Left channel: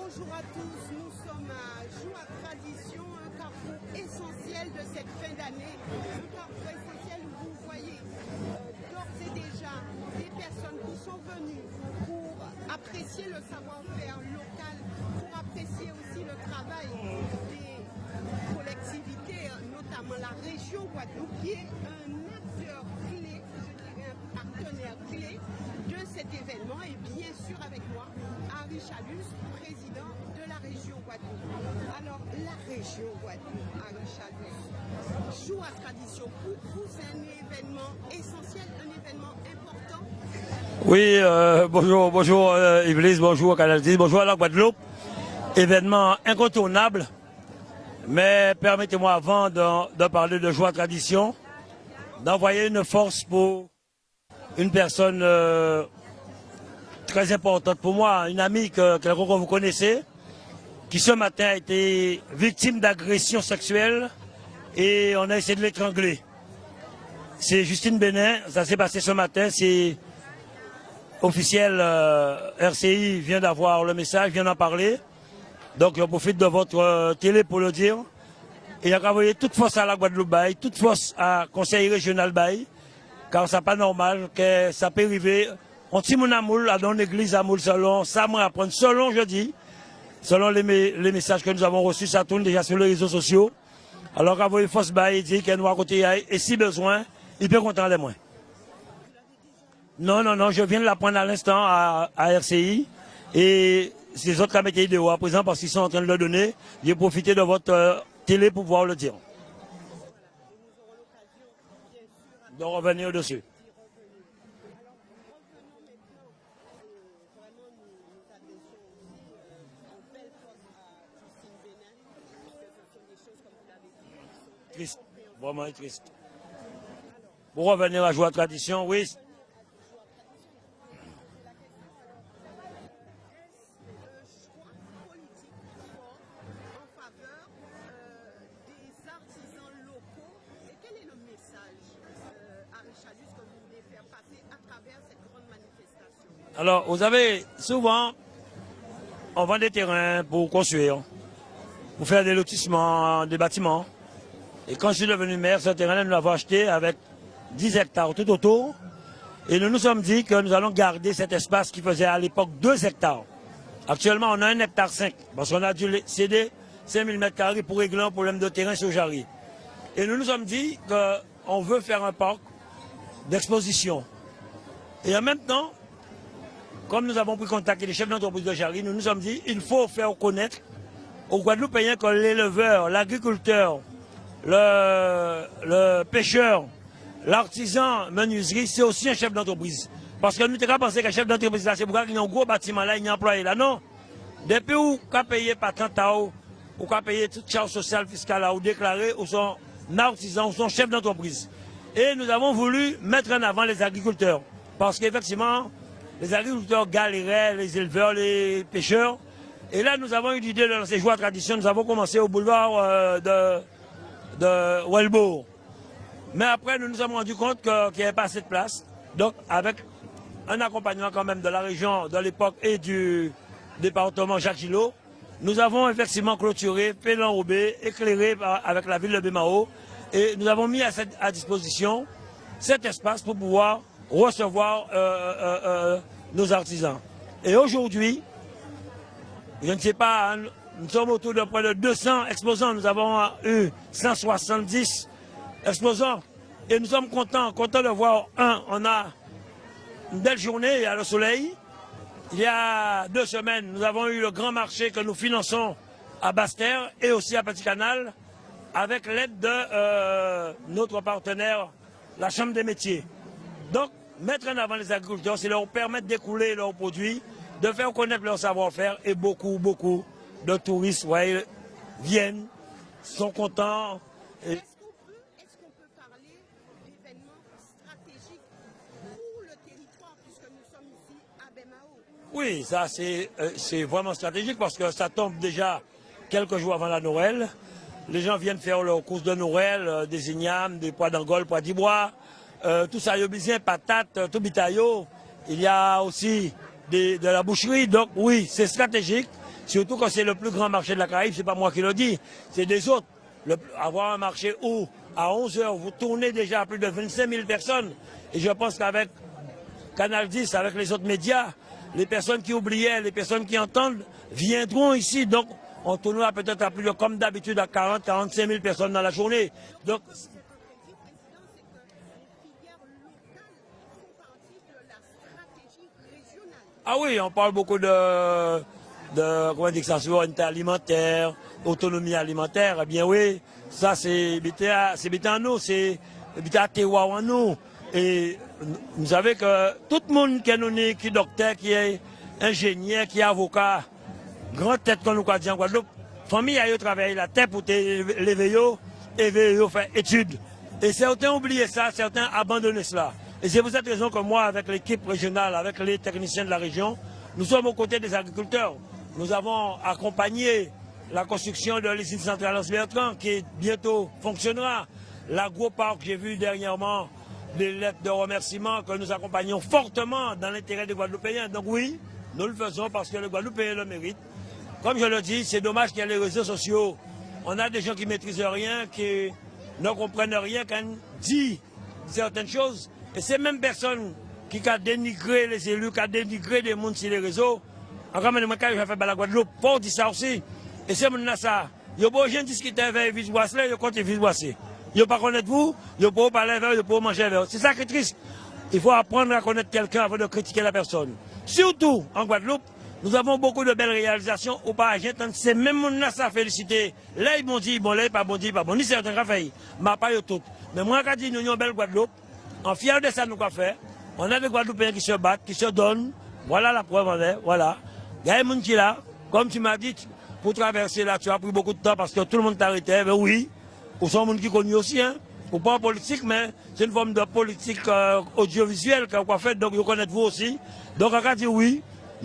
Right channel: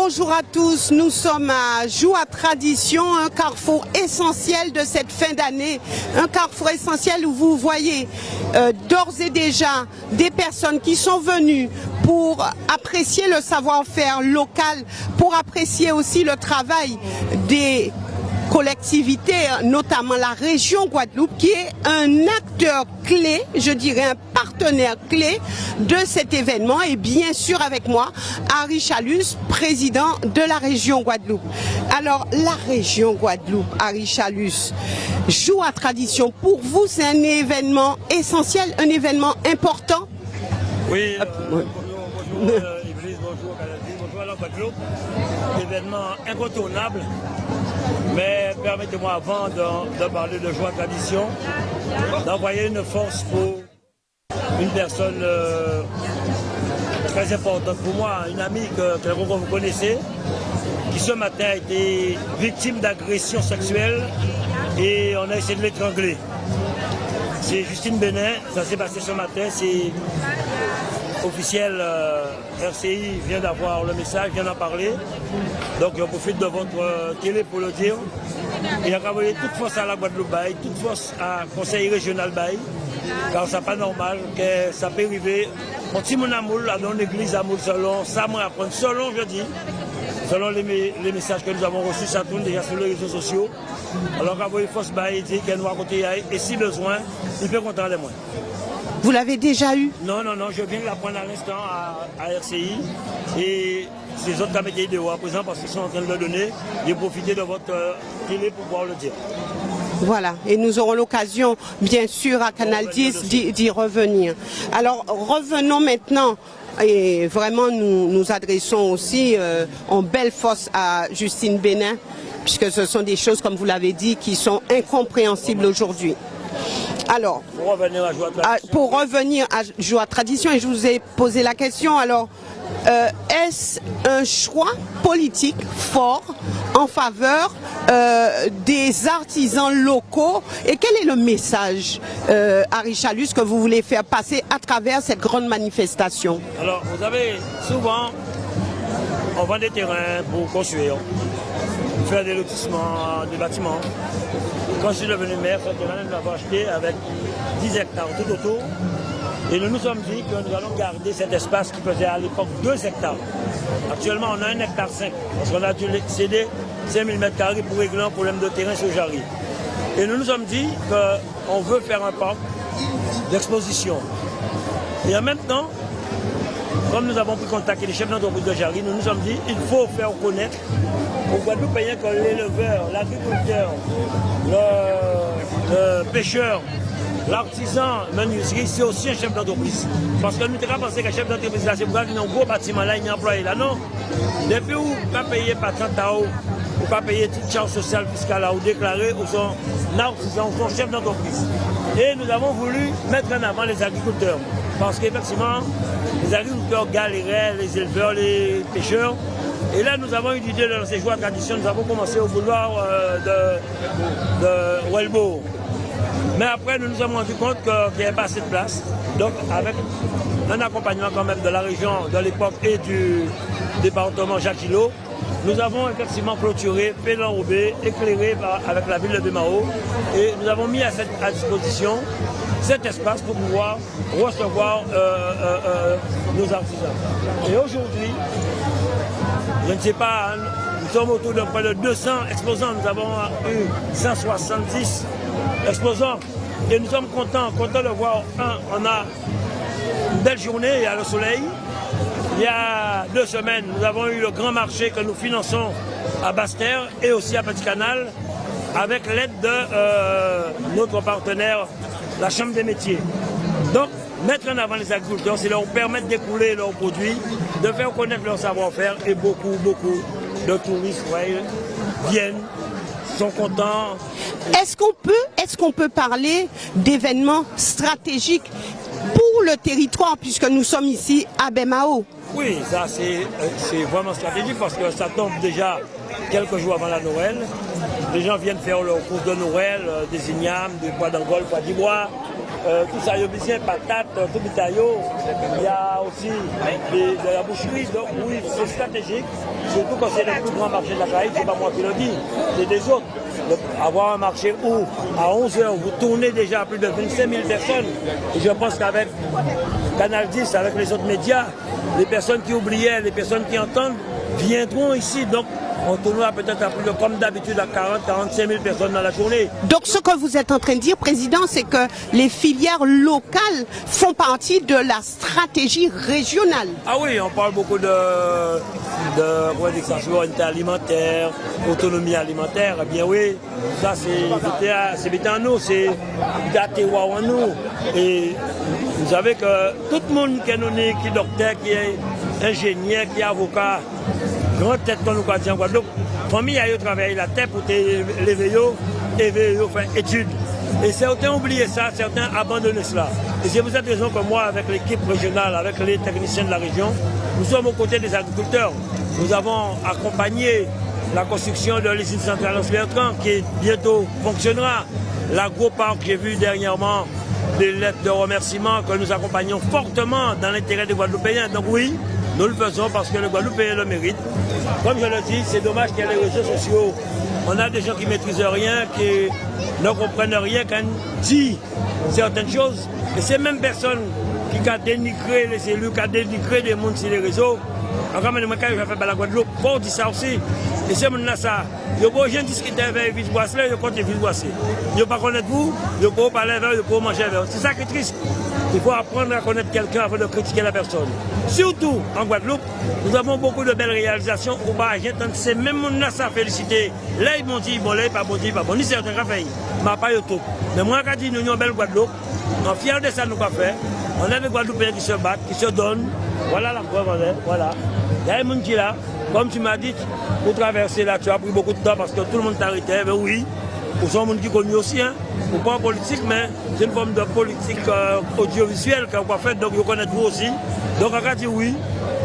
Bonjour à tous, nous sommes à Joie Tradition, un carrefour essentiel de cette fin d'année, un carrefour essentiel où vous voyez d'ores et déjà des personnes qui sont venues pour apprécier le savoir-faire local, pour apprécier aussi le travail des collectivités, notamment la région Guadeloupe, qui est un acteur clé, je dirais un partenaire clé de cet événement. Et bien sûr avec moi, Harry Chalus, président de la région Guadeloupe. Alors la région Guadeloupe, Harry Chalus, Joie Tradition, pour vous c'est un événement essentiel, un événement important? Oui, bonjour Iblis, bonjour Canal 10, bonjour à la Guadeloupe. Événement incontournable. Mais permettez-moi, avant de parler de Joie Tradition, d'envoyer une force pour une personne très importante pour moi, une amie que vous connaissez, qui ce matin a été victime d'agression sexuelle et on a essayé de l'étrangler. C'est Justine Benin, ça s'est passé ce matin, c'est officiel, RCI vient d'avoir le message, vient d'en parler. Donc je profite de votre télé pour le dire. Il y a envoyé toute force à la Guadeloupe, toute force à Conseil régional, car c'est pas normal que ça peut arriver. On tire mon amour dans l'église à Moul selon ça me apprend, selon je dis, selon les messages que nous avons reçus, ça tourne déjà sur les réseaux sociaux. Alors qu'envoyer force, il dit qu'elle nous a côté et si besoin, il peut compter les moins. Vous l'avez déjà eu? Non, je viens de l'apprendre à l'instant à RCI et les autres caméras de à présent parce qu'ils sont en train de le donner. J'ai profité de votre télé pour pouvoir le dire. Voilà, et nous aurons l'occasion, bien sûr, à Canal 10 d'y revenir. Alors, revenons maintenant, et vraiment nous adressons aussi en belle force à Justine Benin, puisque ce sont des choses, comme vous l'avez dit, qui sont incompréhensibles aujourd'hui. Alors, pour revenir à Joie Tradition, revenir à Joie Tradition, et je vous ai posé la question, alors, est-ce un choix politique fort en faveur des artisans locaux et quel est le message, Harry Chalus, que vous voulez faire passer à travers cette grande manifestation? Alors, vous savez, souvent, on vend des terrains pour construire, faire des lotissements, des bâtiments. Quand je suis devenu maire, ce terrain, nous l'avons acheté avec 10 hectares tout autour. Et nous nous sommes dit que nous allons garder cet espace qui faisait à l'époque 2 hectares. Actuellement, on a 1,5 hectare, parce qu'on a dû céder 5000 m² pour régler un problème de terrain sur Jarry. Et nous nous sommes dit qu'on veut faire un parc d'exposition. Et en même temps, comme nous avons pris contact avec les chefs d'entreprise de Jarry, nous nous sommes dit qu'il faut faire connaître aux Guadeloupéens que l'éleveur, l'agriculteur, le pêcheur, l'artisan menuiserie, c'est aussi un chef d'entreprise. Parce que nous avons pensé qu'un chef d'entreprise, c'est pour ça qu'il y a un gros bâtiment là, il y a un employé là. Non. Depuis où vous pouvez payer par 30 €, vous pouvez payer toute charge sociale fiscale là, ou déclarer, ou son artisan, ou son chef d'entreprise. Et nous avons voulu mettre en avant les agriculteurs. Parce qu'effectivement, les agriculteurs galéraient, les éleveurs, les pêcheurs. Et là, nous avons eu l'idée de ces Joie Tradition. Nous avons commencé au boulevard de Welbo. Mais après, nous nous sommes rendus compte qu'il n'y avait pas assez de place. Donc, avec un accompagnement quand même de la région de l'époque et du département Jacques Gillot, nous avons effectivement clôturé, fait l'enrobé, éclairé avec la ville de Bémao. Et nous avons mis à disposition cet espace pour pouvoir recevoir nos artisans. Et aujourd'hui, je ne sais pas, nous sommes autour de près de 200 exposants. Nous avons eu 170 exposants. Et nous sommes contents de voir, on a une belle journée, il y a le soleil. Il y a 2 semaines, nous avons eu le grand marché que nous finançons à Basse-Terre et aussi à Petit Canal, avec l'aide de notre partenaire, la Chambre des métiers. Donc, mettre en avant les agriculteurs, c'est leur permettre d'écouler leurs produits, de faire connaître leur savoir-faire et beaucoup de touristes viennent, sont contents. Est-ce qu'on peut parler d'événements stratégiques pour le territoire puisque nous sommes ici à Bémao? Oui, ça c'est vraiment stratégique parce que ça tombe déjà quelques jours avant la Noël. Les gens viennent faire leur course de Noël, des ignames, des pois d'Angole, pois d'ivoire. Tout ça, il y a besoin de patates, tout bitaillot. Il y a aussi de la boucherie. Donc oui, c'est stratégique. surtout quand c'est le plus grand marché de la Caraïbe, c'est pas moi qui le dis, c'est des autres. Avoir un marché où, à 11h, vous tournez déjà à plus de 25 000 personnes. Et je pense qu'avec Canal 10, avec les autres médias, les personnes qui oubliaient, les personnes qui entendent, viendront ici. Donc, on tournera peut-être à plus de, comme d'habitude, à 40-45 000 personnes dans la journée. Donc, ce que vous êtes en train de dire, Président, c'est que les filières locales font partie de la stratégie régionale. Ah oui, on parle beaucoup de souveraineté alimentaire, autonomie alimentaire. Eh bien oui, ça c'est bien en nous, c'est bien en nous. Et vous savez que tout le monde qui est docteur, qui est ingénieur, qui est avocat, grande tête qu'on nous a dit en Guadeloupe, famille a travaillé la terre pour l'éveiller et faire études. Et certains ont oublié ça, certains abandonné cela. Et c'est pour cette raison que moi, avec l'équipe régionale, avec les techniciens de la région, nous sommes aux côtés des agriculteurs. Nous avons accompagné la construction de l'usine centrale Anse-Bertrand qui bientôt fonctionnera. L'agro-parc, j'ai vu dernièrement des lettres de remerciement que nous accompagnons fortement dans l'intérêt des Guadeloupéens. Donc oui, nous le faisons parce que les Guadeloupéens le méritent. Comme je le dis, c'est dommage qu'il y ait les réseaux sociaux. On a des gens qui ne maîtrisent rien, qui ne comprennent rien, qui disent certaines choses. Et ces mêmes personnes qui ont dénigré les élus, qui ont dénigré les gens sur les réseaux, quand même, quand je fais la Guadeloupe, on dit ça aussi. Et c'est maintenant ça. Je ne peux pas discuter avec Vise-Boisselet, je compte Vise-Boisselet. Je ne peux pas connaître vous, je ne peux pas parler avec, je ne peux pas manger avec. C'est ça qui est triste. Il faut apprendre à connaître quelqu'un avant de critiquer la personne. Surtout en Guadeloupe, nous avons beaucoup de belles réalisations où c'est même gens ça féliciter. Là, ils m'ont dit, bon, là, ils pas bon, ils pas bon. Ni certains qui ont fait, mais pas tout. Mais moi, quand je dis nous avons une belle Guadeloupe, on est fiers de ça, nous avons fait. On a des Guadeloupéens qui se battent, qui se donnent. Voilà la preuve, voilà. Il y a des gens qui sont là, comme tu m'as dit, pour traverser là, tu as pris beaucoup de temps parce que tout le monde t'arrêtait. Mais oui, pour son monde qui connaît aussi, hein. Ou pas en politique, mais c'est une forme de politique audiovisuelle qu'on a fait, donc vous connaissez vous aussi. Donc on a dit oui,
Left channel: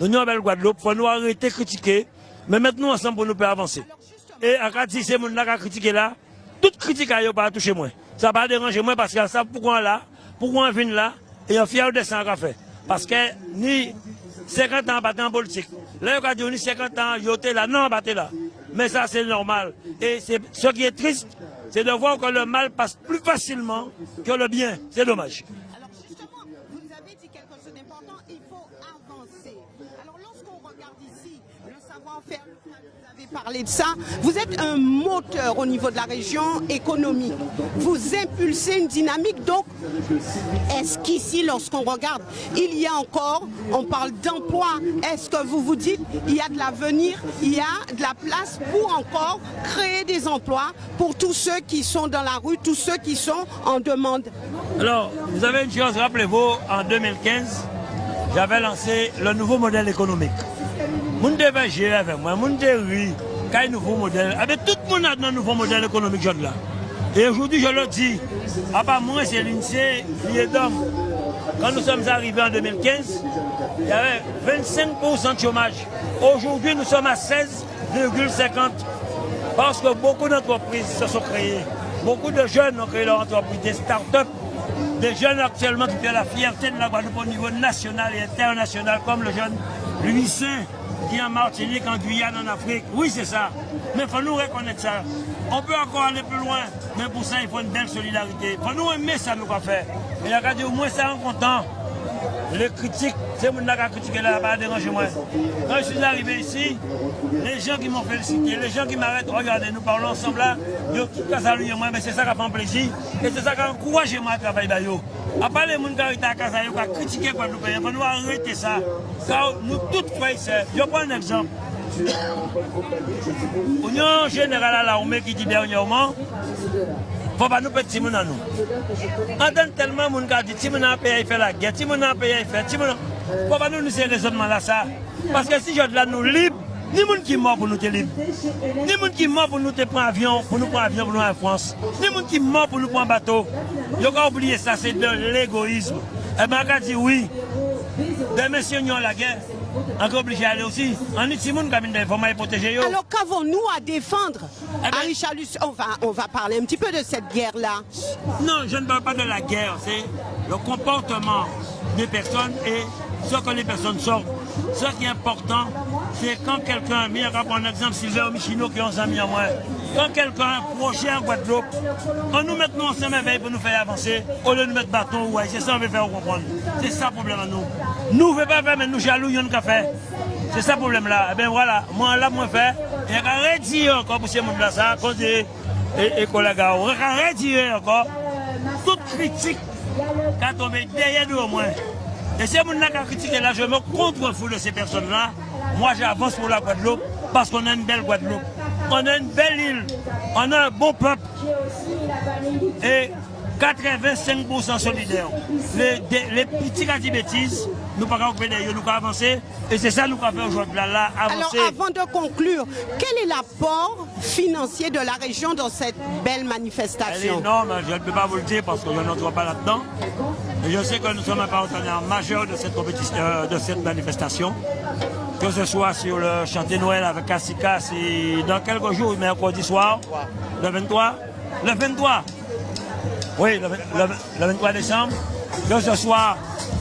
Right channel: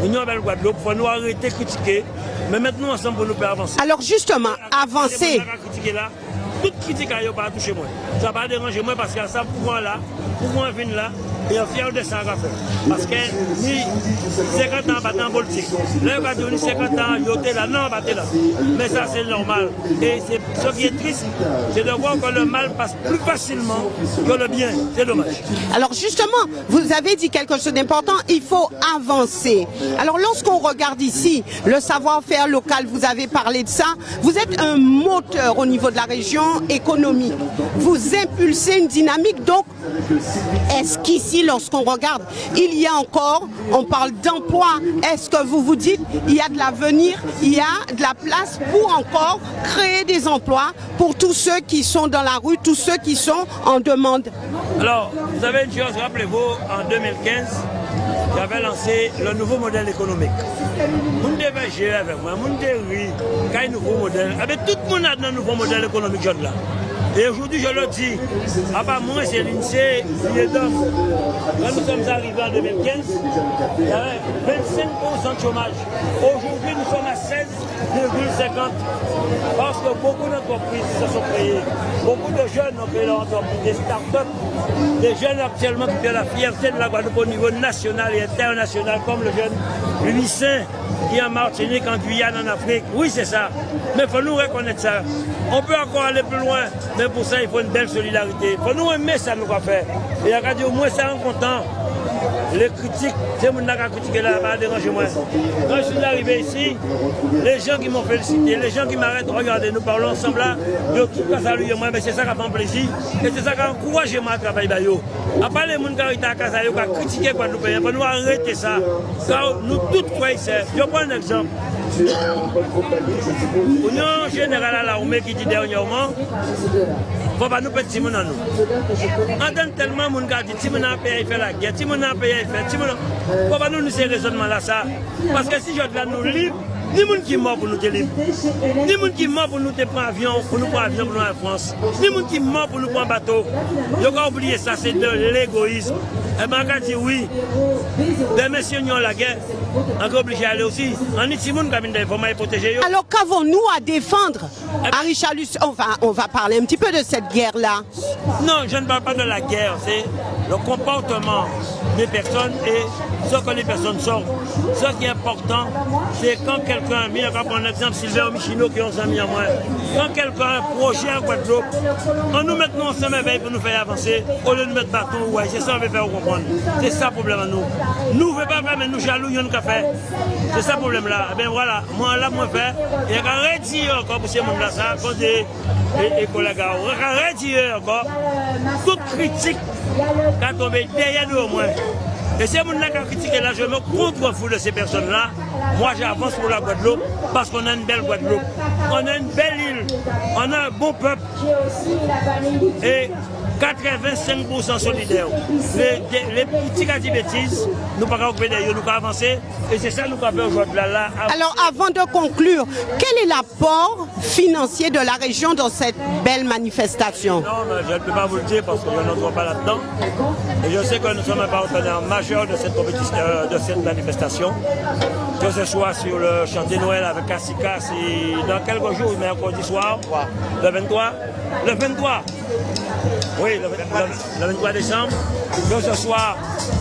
nous avons le Guadeloupe, il faut nous arrêter de critiquer, mais maintenant ensemble pour nous faire avancer. Alors justement, avancer. Si c'est critiquer là, toute critique n'a pas touché moi. Ça va déranger moi parce que ça pourquoi là, pourquoi on vient là, et on est fier de ça qu'on fait. Parce que ni 50 ans battre en politique. Là, on va dire 50 ans, j'étais là, non, battre là. Mais ça, c'est normal. Et ce qui est triste, c'est de voir que le mal passe plus facilement que le bien. C'est dommage. Alors justement, vous avez dit quelque chose d'important, il faut avancer. Alors lorsqu'on regarde ici, le savoir-faire local, vous avez parlé de ça, vous êtes un moteur au niveau de la région économique. Vous impulsez une dynamique, donc est-ce qu'ici, lorsqu'on regarde, il y a encore, on parle d'emploi, est-ce que vous vous dites, il y a de l'avenir, il y a de la place pour encore créer des emplois pour tous ceux qui sont dans la rue, tous ceux qui sont en demande? Alors, vous avez une chose, rappelez-vous, en 2015, j'avais lancé le nouveau modèle économique. Vous devez gérer avec moi, vous devez un nouveau modèle, avec tout le monde a un nouveau modèle économique là. Et aujourd'hui, je le dis, à part moi, c'est l'INSEE, l'IEDOM. Quand nous sommes arrivés en 2015, il y avait 25% de chômage. Aujourd'hui, nous sommes à 16,50%. Parce que beaucoup d'entreprises se sont créées. Beaucoup de jeunes ont créé leur entreprise, des start-up. Des jeunes actuellement qui font la fierté de la Guadeloupe au niveau national et international, comme le jeune Louis Saint, qui est en Martinique, en Guyane, en Afrique. Oui, c'est ça. Mais il faut nous reconnaître ça. On peut encore aller plus loin, mais pour ça, il faut une belle solidarité. Il faut nous aimer ça, nous, qu'on fait. Et regardez, au moins, ça en content. Les critiques, c'est mon qui a critiqué là, pas déranger moi. Quand je suis arrivé ici, les gens qui m'ont félicité, les gens qui m'arrêtent, regardez, nous parlons ensemble là, ils ont tout salué moi, mais c'est ça qui a fait plaisir. Et c'est ça qui a encouragé moi à travailler. À part les gens qui ont été à critiquer Guadeloupe, il faut nous arrêter ça. Car nous tous croyons ça. Je prends un exemple. L'Union générale à l'armée qui dit dernièrement, il ne faut pas nous petits gens. On donne tellement de gens qui disent que si pays fait la guerre, si pays fait, il ne faut pas nous ces raisonnements là ça. Parce que si je là nous libre, ni gens qui mort pour nous te libre, ni gens qui mort pour nous te prendre avion, pour nous prendre avion pour nous en France, ni gens qui mort pour nous prendre bateau. Il faut oublier ça, c'est de l'égoïsme. Et bien, on dit oui, des messieurs qui ont la guerre, on est obligé d'aller aussi. On est si monde qui a protéger. Alors qu'avons-nous à défendre? Richalus, on va parler un petit peu de cette guerre-là. Non, je ne parle pas de la guerre, c'est le comportement des personnes et ce que les personnes sont. Ce qui est important, c'est quand quelqu'un, je vais prendre l'exemple Sylvain Michino qui ont mis en moins, quand quelqu'un a un projet en Guadeloupe, quand nous mettons ensemble pour nous faire avancer, au lieu de nous mettre bâton, ouais, c'est ça qu'on veut faire comprendre. C'est ça le problème à nous. Nous ne voulons pas faire, mais nous jaloux, nous n'avons fait. C'est ça le problème là. Eh bien voilà, moi là, moi faire, et quand je redis encore pour ces gens-là, ça, côté et collègues, on va retirer encore toute critique qui a tombé derrière nous au moins. Et ces gens-là qui ont critiqué là, je me contrefous de ces personnes-là. Moi, j'avance pour la Guadeloupe parce qu'on a une belle Guadeloupe. On a une belle île. On a un bon peuple. Et 85% solidaires. Les petits qui disent bêtises, nous ne pouvons pas occuper d'ailleurs, nous pouvons avancer. Et c'est ça que nous pouvons faire aujourd'hui. Là, alors, avant de conclure, quel est l'apport financier de la région dans cette belle manifestation? Non, je ne peux pas vous le dire parce qu'on n'entre pas là-dedans. Et je sais que nous sommes un partenaire majeur de cette compétition, de cette manifestation. Que ce soit sur le chantier Noël avec Cassicas et dans quelques jours, mercredi soir, le 23. Le 23. Oui, le 23 décembre, que ce soit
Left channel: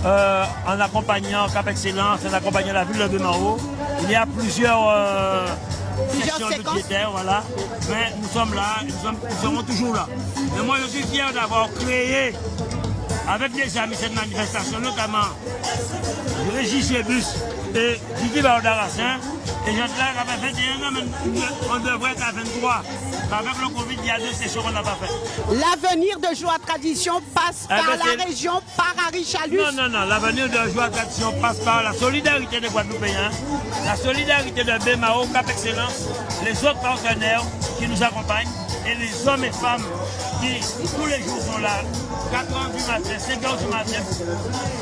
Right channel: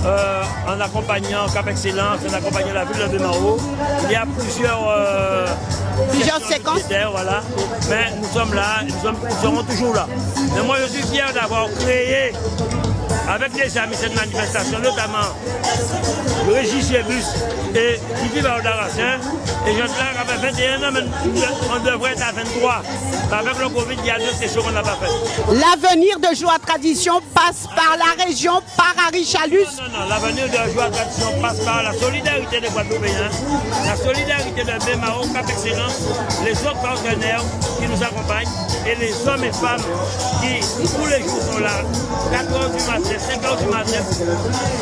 en accompagnant Cap Excellence, en accompagnant la ville de Mao, il y a plusieurs séquences. Voilà. Mais nous sommes là, nous serons toujours là. Mais moi, je suis fier d'avoir créé avec des amis cette manifestation, notamment Régis Chebus et Kiki Baodarassin. Et je suis là, après 21 ans, mais on devrait être à 23. Avec le Covid, il y a 2 sessions qu'on n'a pas fait. L'avenir de Joie Tradition passe par la région, par Harry Chalus. Non, l'avenir de Joie Tradition passe par la solidarité des Guadeloupéens, la solidarité de BMAO, Cap Excellence, les autres partenaires qui nous accompagnent et les hommes et femmes qui tous les jours sont là, 4h du matin, 5h du matin,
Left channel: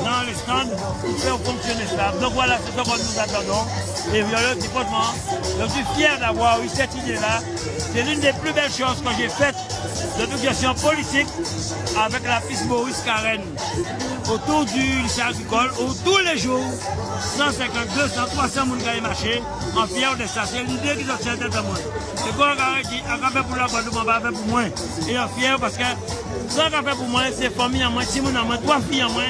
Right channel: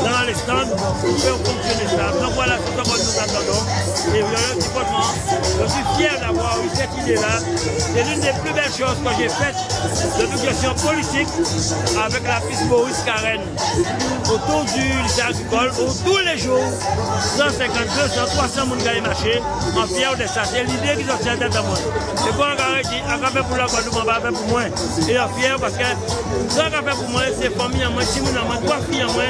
dans les stands, pour faire fonctionner ça. Donc voilà ce que nous attendons. Et je suis fier d'avoir eu cette idée-là. C'est l'une des plus belles choses que j'ai faites de toute gestion politique avec la piste Maurice Karen autour du lycée agricole où tous les jours 150, 200, 300 personnes qui marché en fier de ça. C'est l'idée qui ont tête à moi. Et quand on dit, on va faire pour la Guadeloupe, on va faire pour moi. Et on fier parce que ce qu'on va faire pour moi, c'est famille à moi, si vous avez 3 filles à moi,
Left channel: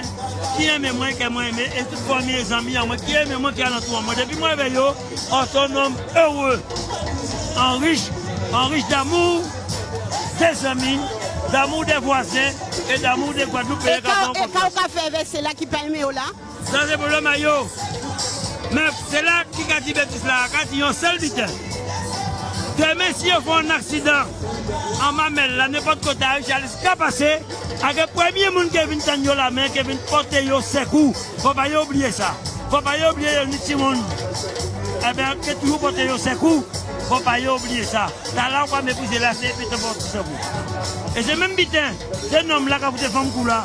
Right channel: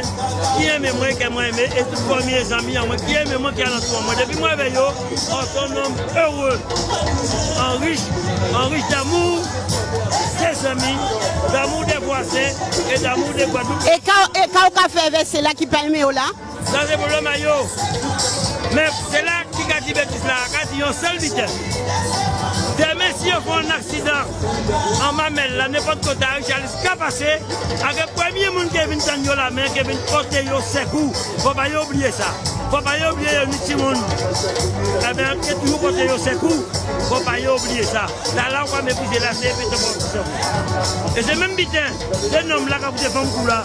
qui aime moi, qui moi aimé, et toute famille, les amis à moi, qui aime moi, qui a l'entour moi. Depuis moi, avec nous, autonome, heureux, enrichi d'amour des amis, d'amour des voisins et d'amour des Guadeloupe. Et quand on fait c'est là qui permet là? Ça c'est pour le maillot. Mais c'est là qui a dit bêtise là, quand il y a un seul butin. Demain, si on fait un accident en mamelle, là, n'importe quoi, j'allais se passer. Avec le premier monde qui vient tenir la main, qui vient porter ses coups, il ne faut pas oublier ça. Il ne faut pas oublier le petit monde. Eh bien, qui toujours porter ses coups, il ne faut pas oublier ça. Là, on va mépriser la CP. Et c'est même bitin, c'est un homme là qui a fait des femmes là.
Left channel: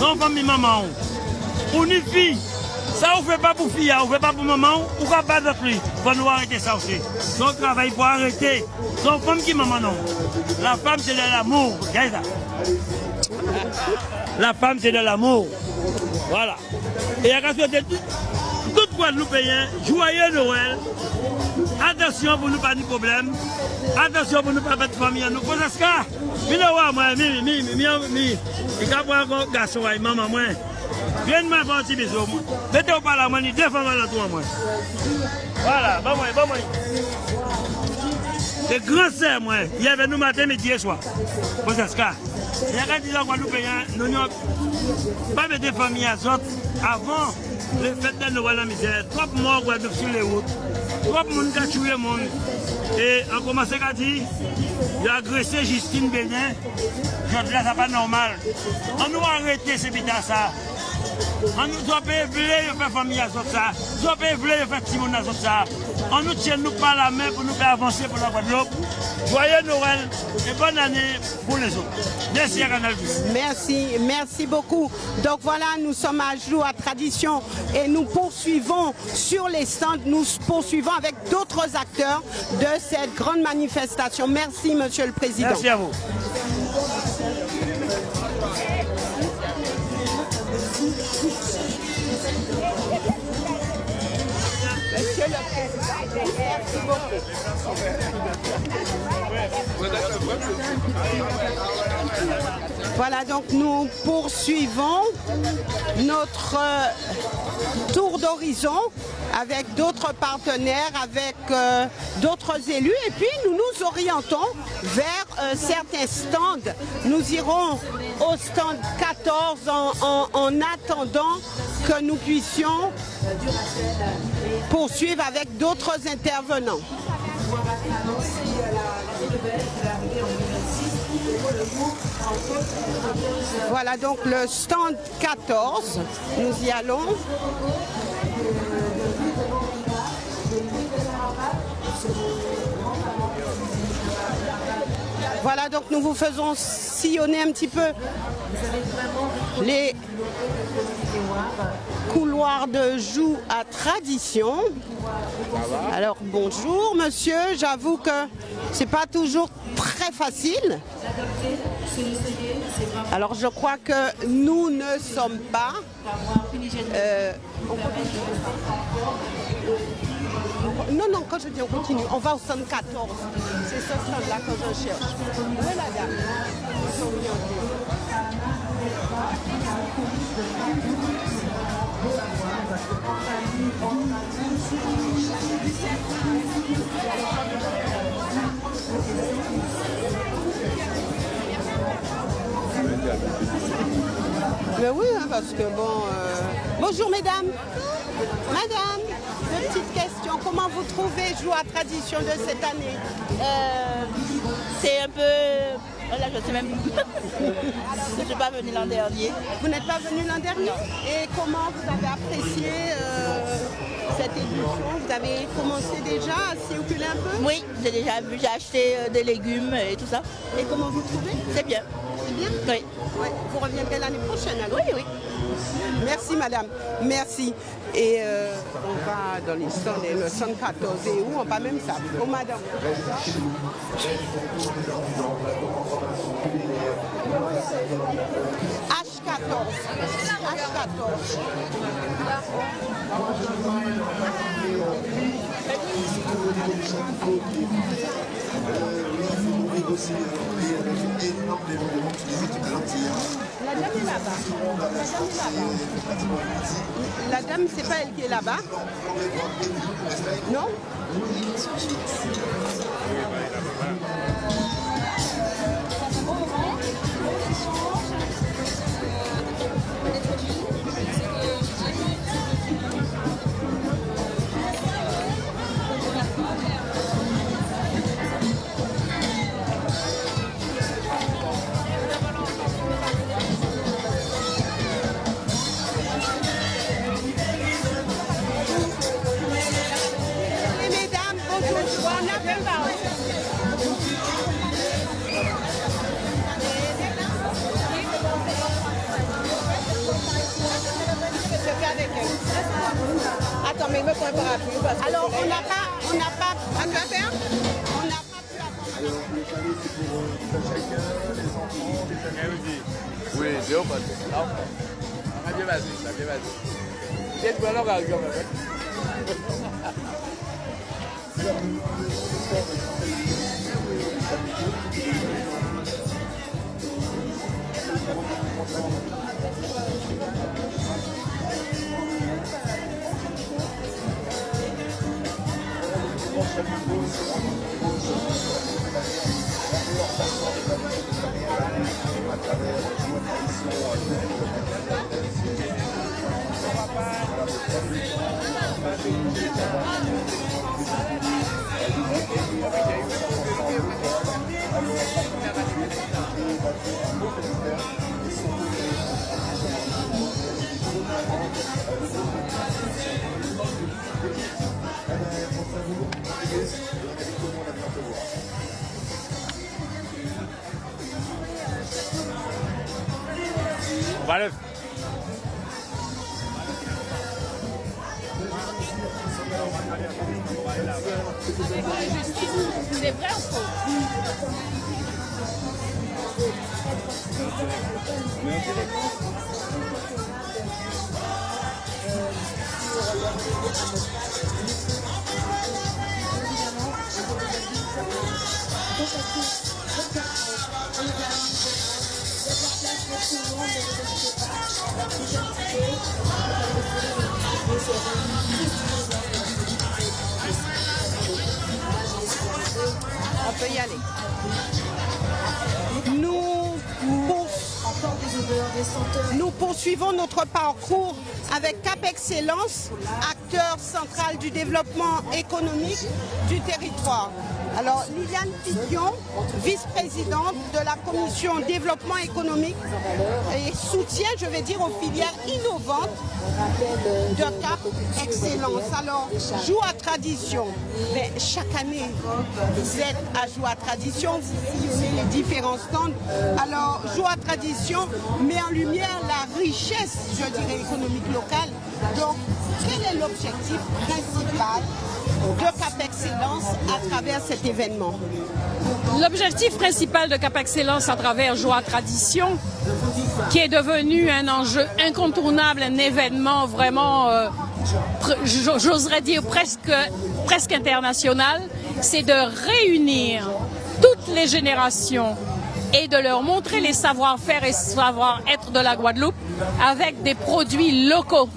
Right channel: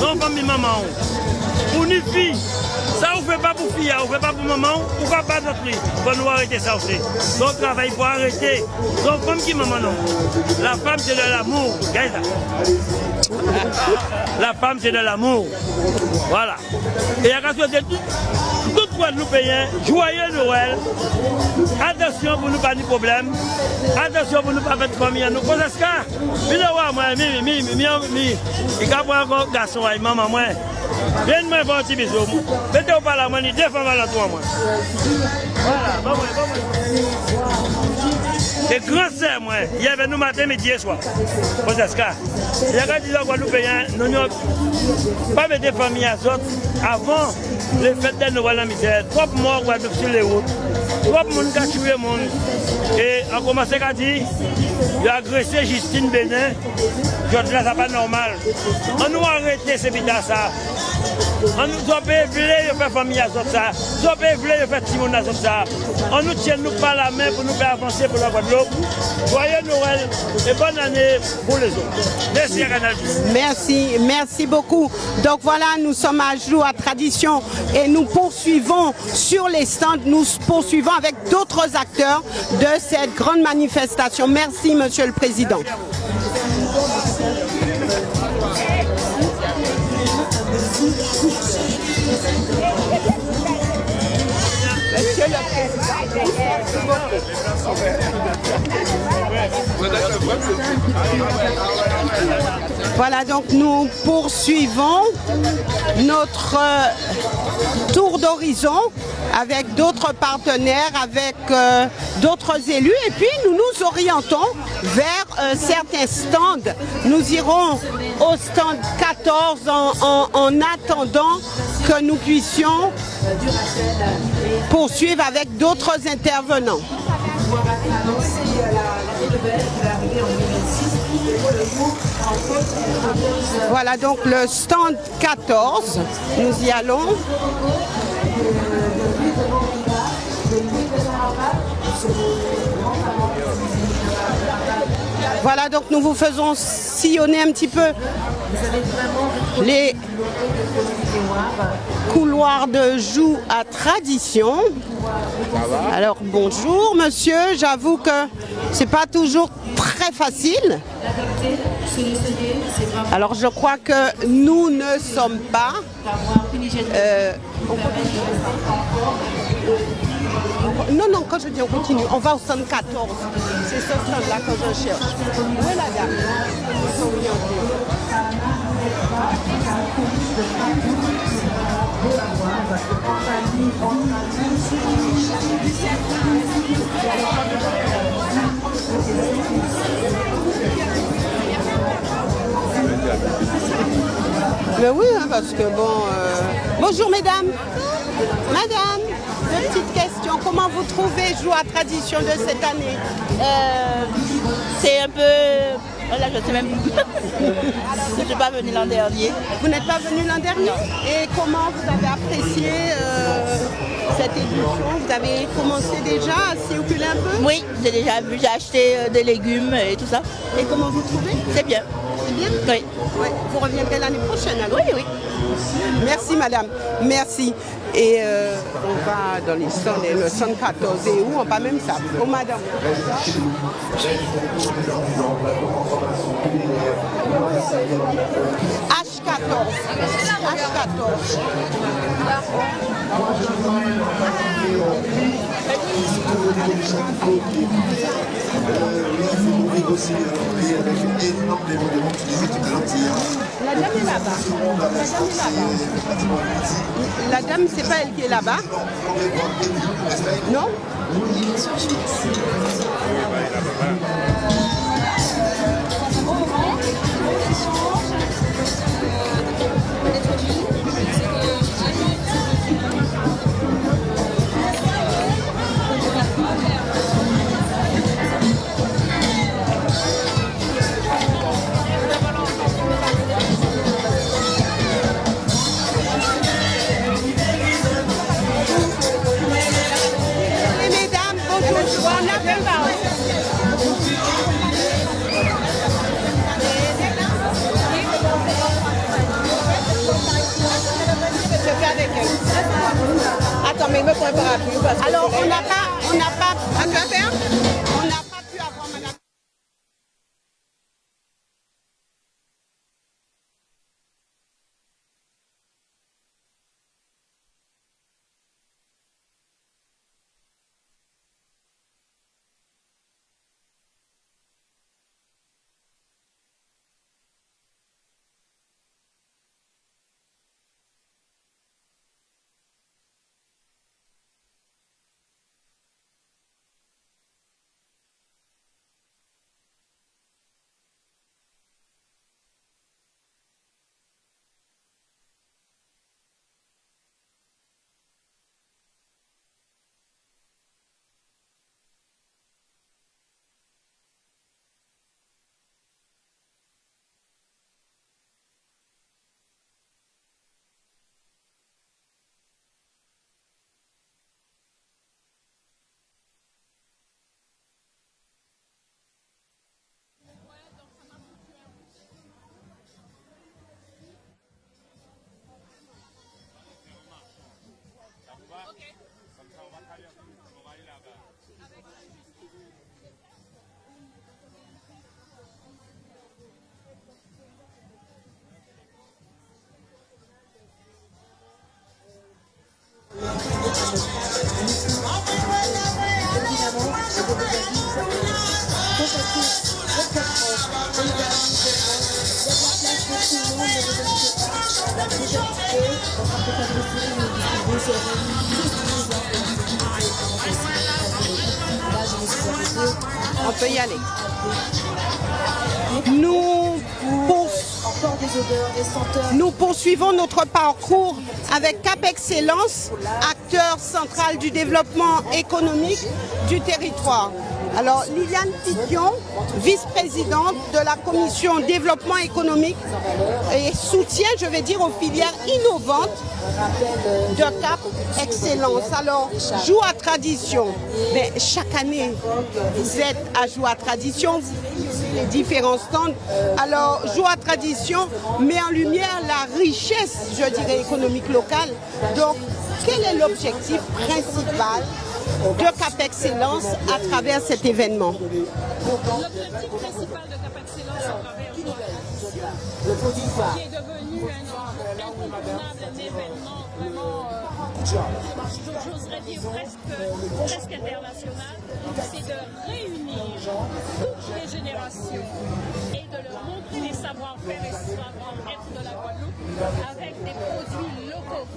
Non, comme maman. Pour une fille. Ça, on ne fait pas pour fille, on ne fait pas pour maman, on ne fait pas d'autre lui. Il faut nous arrêter ça aussi. Donc, travail pour arrêter. Donc, comme qui maman non. La femme, c'est de l'amour. La femme, c'est de l'amour. Voilà. Et à cause de tout Guadeloupéen, joyeux Noël. Attention pour ne pas de problème. Attention pour ne pas faire de famille à nous. Pour ce cas, il y a moi, il y a un garçon, maman, moi. Viens-moi faire un petit bisou. Mettez-vous pas la main, il défend la toi, moi. Voilà, bah ouais. C'est grand sœur, moi. Il y avait nous matin, midi et soir. Pour ce cas. Il y a des gens Guadeloupéens, nous n'avons pas mis des familles à sorte avant les fêtes de Noël en misère. Trop morts Guadeloupe sur les routes. Trop de monde qui a tué le monde. Et on commence à dire, il a agressé Justine Bénin. Je dis là, ça pas normal. On nous a arrêté ces bidons ça. On nous a voulu faire famille à ça. On nous a voulu faire Timon à ça. On nous tient nous par la main pour nous faire avancer pour la Guadeloupe. Joyeux Noël et bonne année pour les autres. Merci à Canal+. Merci beaucoup. Donc voilà, nous sommes à Joie Tradition et nous poursuivons sur les stands, nous poursuivons avec d'autres acteurs de cette grande manifestation. Merci, Monsieur le Président. Merci à vous. Monsieur le Président. Merci beaucoup. Voilà, donc nous poursuivons notre tour d'horizon avec d'autres partenaires, avec d'autres élus, et puis nous nous orientons vers certains stands. Nous irons au stand 14 en attendant que nous puissions poursuivre avec d'autres intervenants. Voilà donc le stand 14, nous y allons. Voilà donc nous vous faisons sillonner un petit peu les couloirs de Joux à Tradition. Alors bonjour monsieur, j'avoue que c'est pas toujours très facile. Alors je crois que nous ne sommes pas non, quand je dis on continue, on va au stand 14. C'est ce stand-là que je cherche. Où est la dame? Mais oui, hein, parce que bon... Bonjour mesdames. Madame, deux petites questions. Comment vous trouvez Joux à Tradition de cette année? C'est un peu... Voilà, je ne sais même plus. Je ne suis pas venue l'an dernier. Vous n'êtes pas venu l'an dernier? Et comment vous avez apprécié cette édition? Vous avez commencé déjà à circuler un peu? Oui, j'ai déjà vu, j'ai acheté des légumes et tout ça. Et comment vous trouvez? C'est bien. C'est bien? Oui. Ouais. Vous reviendrez l'année prochaine alors? Oui, oui. Merci madame, merci. Et on va dans les stands, le 114 et où on va même ça. Oh madame. H14. H14. La dame est là-bas. La dame, c'est pas elle qui est là-bas? Non? Attends, mais il me prend un parapluie parce que... Alors, on n'a pas pu avoir madame. Oui, Dieu, parce que là, on a bien vas-y. C'est quoi là, Vale. C'est vrai ou faux? On peut y aller. Nous poursuivons notre parcours avec Cap Excellence, acteur central du développement économique du territoire. Alors, Liliane Tidion, vice-présidente de la commission développement économique et soutien, je vais dire, aux filières innovantes de Cap Excellence. Alors, Joua Tradition, mais chaque année, vous êtes à Joua Tradition, les différents stands. Alors, Joua Tradition met en lumière la richesse, je dirais, économique locale. Donc, quel est l'objectif principal de Cap Excellence à travers cet événement? L'objectif principal de Cap Excellence à travers Joua Tradition, qui est devenu un enjeu incontournable, un événement vraiment, j'oserais dire presque international, c'est de réunir toutes les générations et de leur montrer les savoir-faire et savoir-être de la Guadeloupe avec des produits locaux,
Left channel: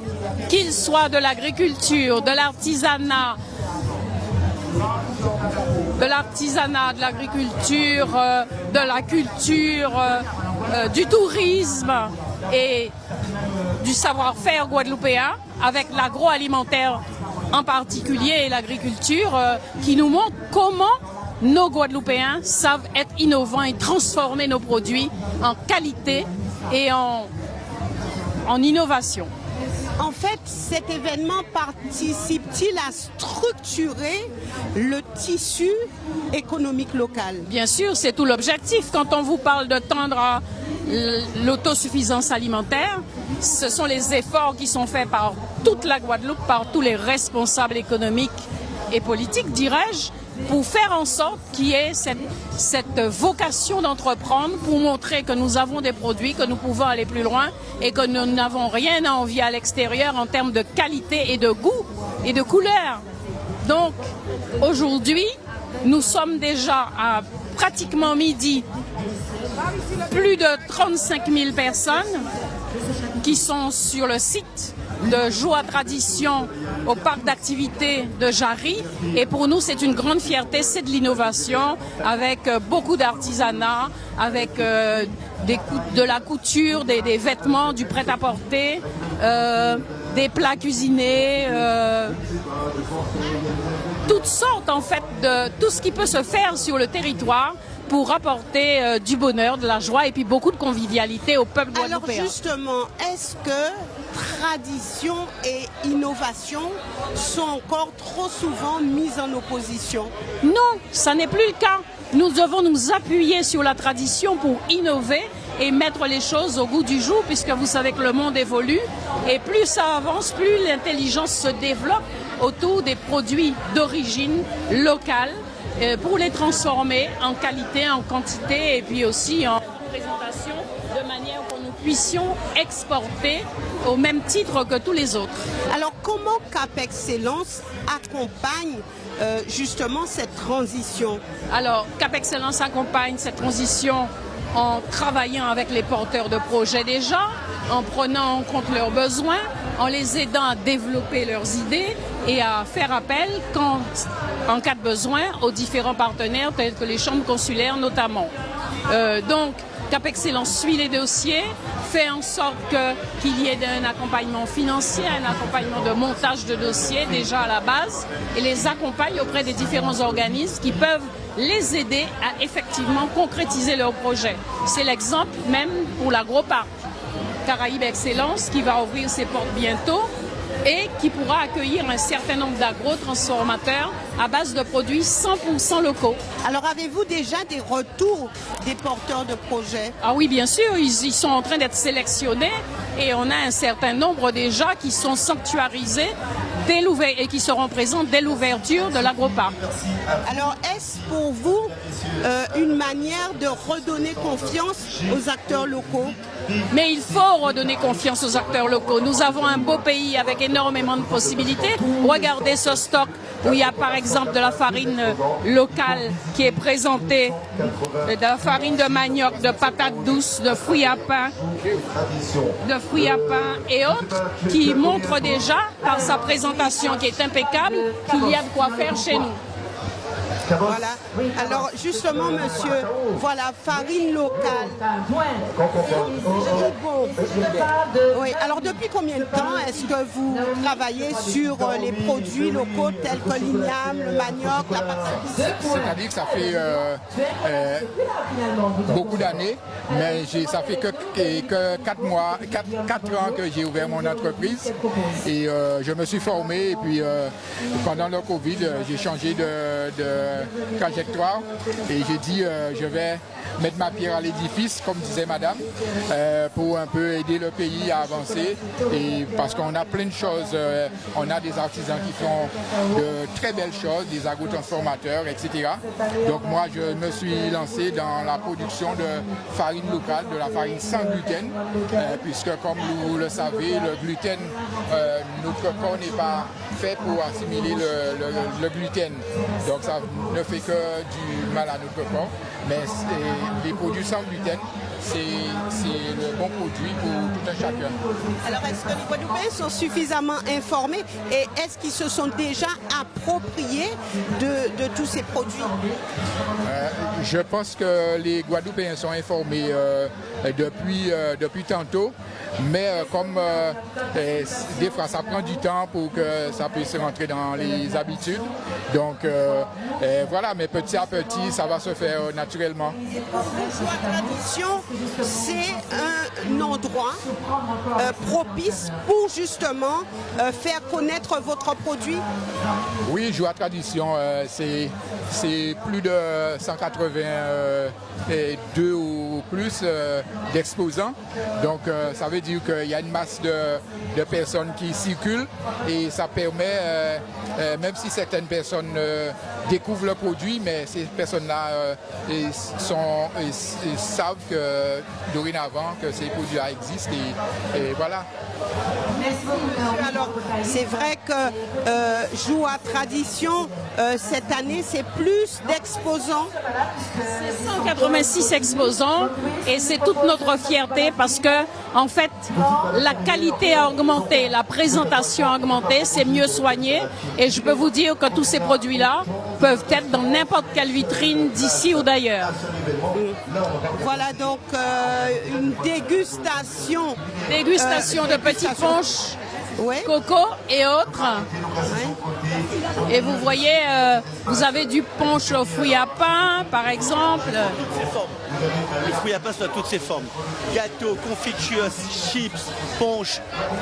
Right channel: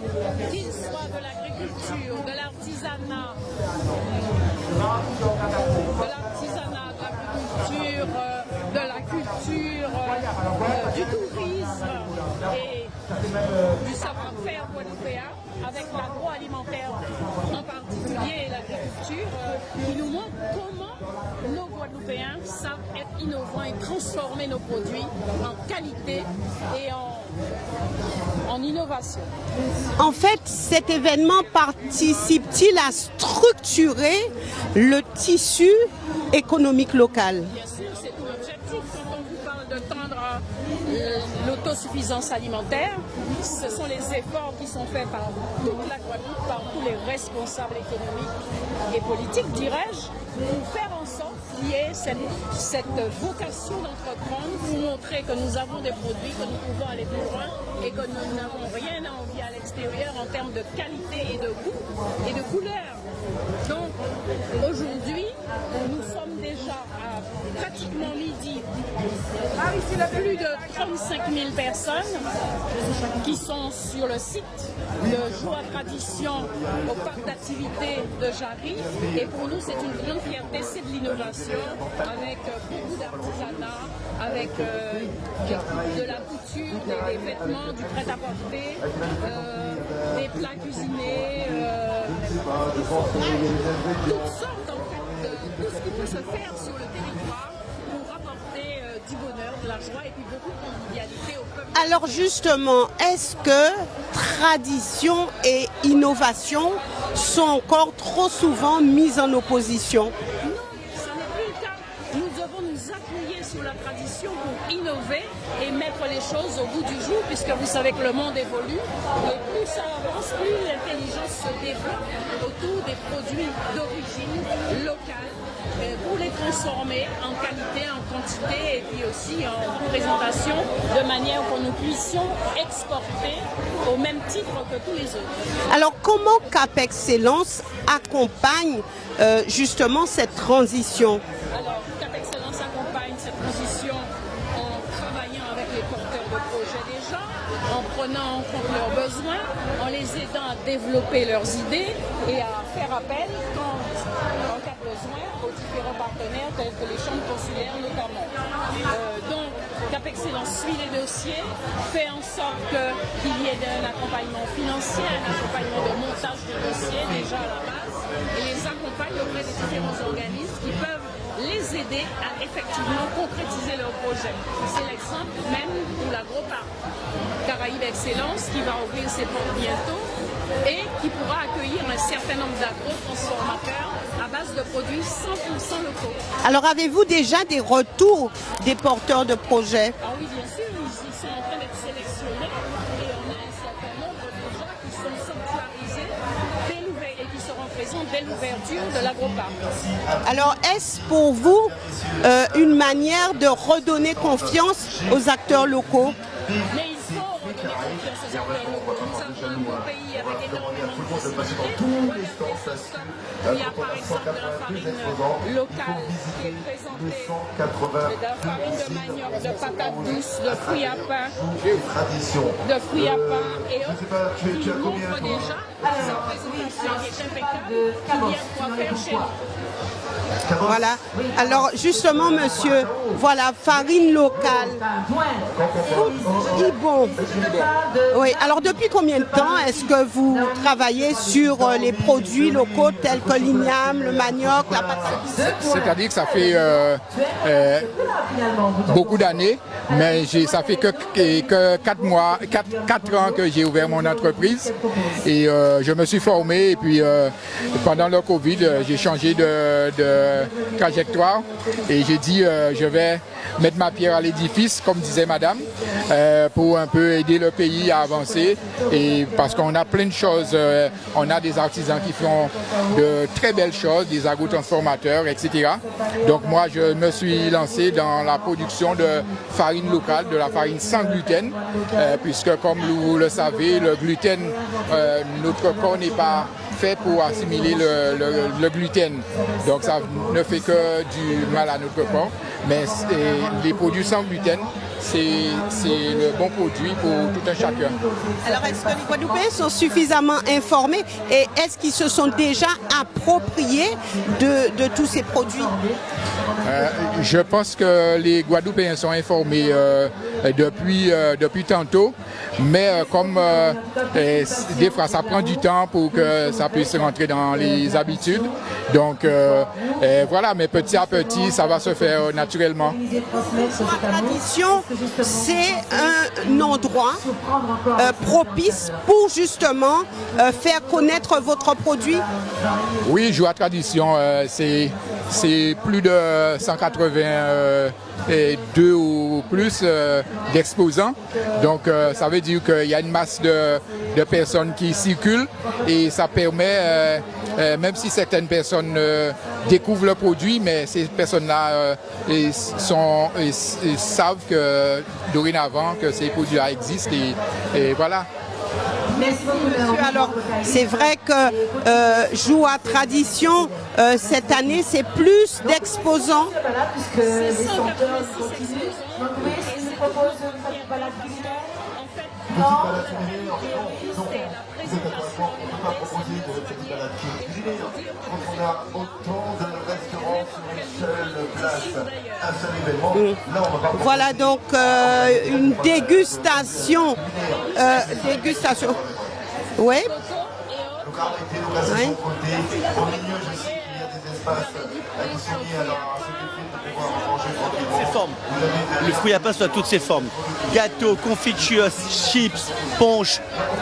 qu'ils soient de l'agriculture, de l'artisanat, de l'agriculture, de la culture, du tourisme et du savoir-faire guadeloupéen, avec l'agroalimentaire en particulier et l'agriculture, qui nous montre comment nos Guadeloupéens savent être innovants et transformer nos produits en qualité et en innovation. En fait, cet événement participe-t-il à structurer le tissu économique local? Bien sûr, c'est tout l'objectif. Quand on vous parle de tendre à l'autosuffisance alimentaire, ce sont les efforts qui sont faits par toute la Guadeloupe, par tous les responsables économiques et politiques, dirais-je, pour faire en sorte qu'il y ait cette vocation d'entreprendre, pour montrer que nous avons des produits, que nous pouvons aller plus loin et que nous n'avons rien à envier à l'extérieur en termes de qualité et de goût et de couleur. Donc aujourd'hui, nous sommes déjà à pratiquement midi, plus de 35 000 personnes qui sont sur le site de Joua Tradition au parc d'activités de Jarry. Et pour nous, c'est une grande fierté, c'est de l'innovation avec beaucoup d'artisanat, avec de la couture, des vêtements, du prêt-à-porter, des plats cuisinés, toutes sortes en fait de tout ce qui peut se faire sur le territoire pour apporter du bonheur, de la joie et puis beaucoup de convivialité au peuple guadeloupéen. Alors justement, est-ce que tradition et innovation sont encore trop souvent mises en opposition? Non, ça n'est plus le cas. Nous devons nous appuyer sur la tradition pour innover et mettre les choses au goût du jour, puisque vous savez que le monde évolue et plus ça avance, plus l'intelligence se développe autour des produits d'origine locale pour les transformer en qualité, en quantité et puis aussi en présentation de manière que nous puissions exporter au même titre que tous les autres. Alors comment Cap Excellence accompagne justement cette transition? Alors Cap Excellence accompagne cette transition en travaillant avec les porteurs de projets déjà, en prenant en compte leurs besoins, en les aidant à développer leurs idées et à faire appel, en cas de besoin, aux différents partenaires tels que les chambres consulaires notamment. Donc Cap Excellence suit les dossiers, fait en sorte qu'il y ait un accompagnement financier, un accompagnement de montage de dossiers déjà à la base et les accompagne auprès des différents organismes qui peuvent les aider à effectivement concrétiser leurs projets. C'est l'exemple même pour l'AgroParc Caraïbes Excellence qui va ouvrir ses portes bientôt et qui pourra accueillir un certain nombre d'agro-transformateurs à base de produits 100% locaux. Alors avez-vous déjà des retours des porteurs de projets? Ah oui, bien sûr, ils sont en train d'être sélectionnés et on a un certain nombre déjà qui sont sanctuarisés et qui seront présents dès l'ouverture de l'AgroParc. Alors est-ce pour vous une manière de redonner confiance aux acteurs locaux? Mais il faut redonner confiance aux acteurs locaux. Nous avons un beau pays avec énormément de possibilités. Regardez ce stock où il y a par exemple de la farine locale qui est présentée, de la farine de manioc, de patate douce, de fruits à pain, et autres, qui montrent déjà par sa présentation qui est impeccable qu'il y a de quoi faire chez nous. Voilà. Alors justement, monsieur, voilà, farine locale. Bon. Oui. Alors depuis combien de temps est-ce que vous travaillez sur les produits locaux tels que l'igname, le manioc, la patate? C'est-à-dire que ça fait beaucoup d'années, mais ça fait que 4 ans que j'ai ouvert mon entreprise et je me suis formé et puis pendant le Covid, j'ai changé de trajectoire et j'ai dit je vais mettre ma pierre à l'édifice, comme disait madame, pour un peu aider le pays à avancer et parce qu'on a plein de choses, on a des artisans qui font de très belles choses, des agrotransformateurs, etc. Donc moi je me suis lancé dans la production de farine locale, de la farine sans gluten, puisque comme vous le savez, le gluten, notre corps n'est pas fait pour assimiler le gluten. Donc ça ne fait que du mal à notre corps. Mais les produits sans gluten, c'est le bon produit pour tout un chacun. Alors est-ce que les Guadeloupéens sont suffisamment informés et est-ce qu'ils se sont déjà appropriés de tous ces produits? Je pense que les Guadeloupéens sont informés depuis tantôt, mais comme des fois ça prend du temps pour que ça puisse rentrer dans les habitudes. Donc voilà, mais petit à petit, ça va se faire naturellement. La tradition, c'est un endroit propice pour justement faire connaître votre produit. Oui, Joie Tradition, c'est plus de 182 ou plus d'exposants. Donc ça veut dire qu'il y a une masse de personnes qui circulent et ça permet, même si certaines personnes découvrent le produit, mais ces personnes-là savent que dorénavant que ces produits-là existent et voilà. Merci monsieur. Alors c'est vrai que Joie Tradition cette année c'est plus d'exposants. C'est 186 exposants et c'est toute notre fierté parce que en fait la qualité a augmenté, la présentation a augmenté, c'est mieux soigné et je peux vous dire que tous ces produits-là peuvent être dans n'importe quelle vitrine d'ici ou d'ailleurs. Voilà donc une dégustation. De petits ponches, ouais. coco et autres. Ouais. Et vous voyez, vous avez du punch au fruit à pain, par exemple. Ces formes. Le fruit à pain sous toutes ses formes. Gâteau, confiture, chips, punch,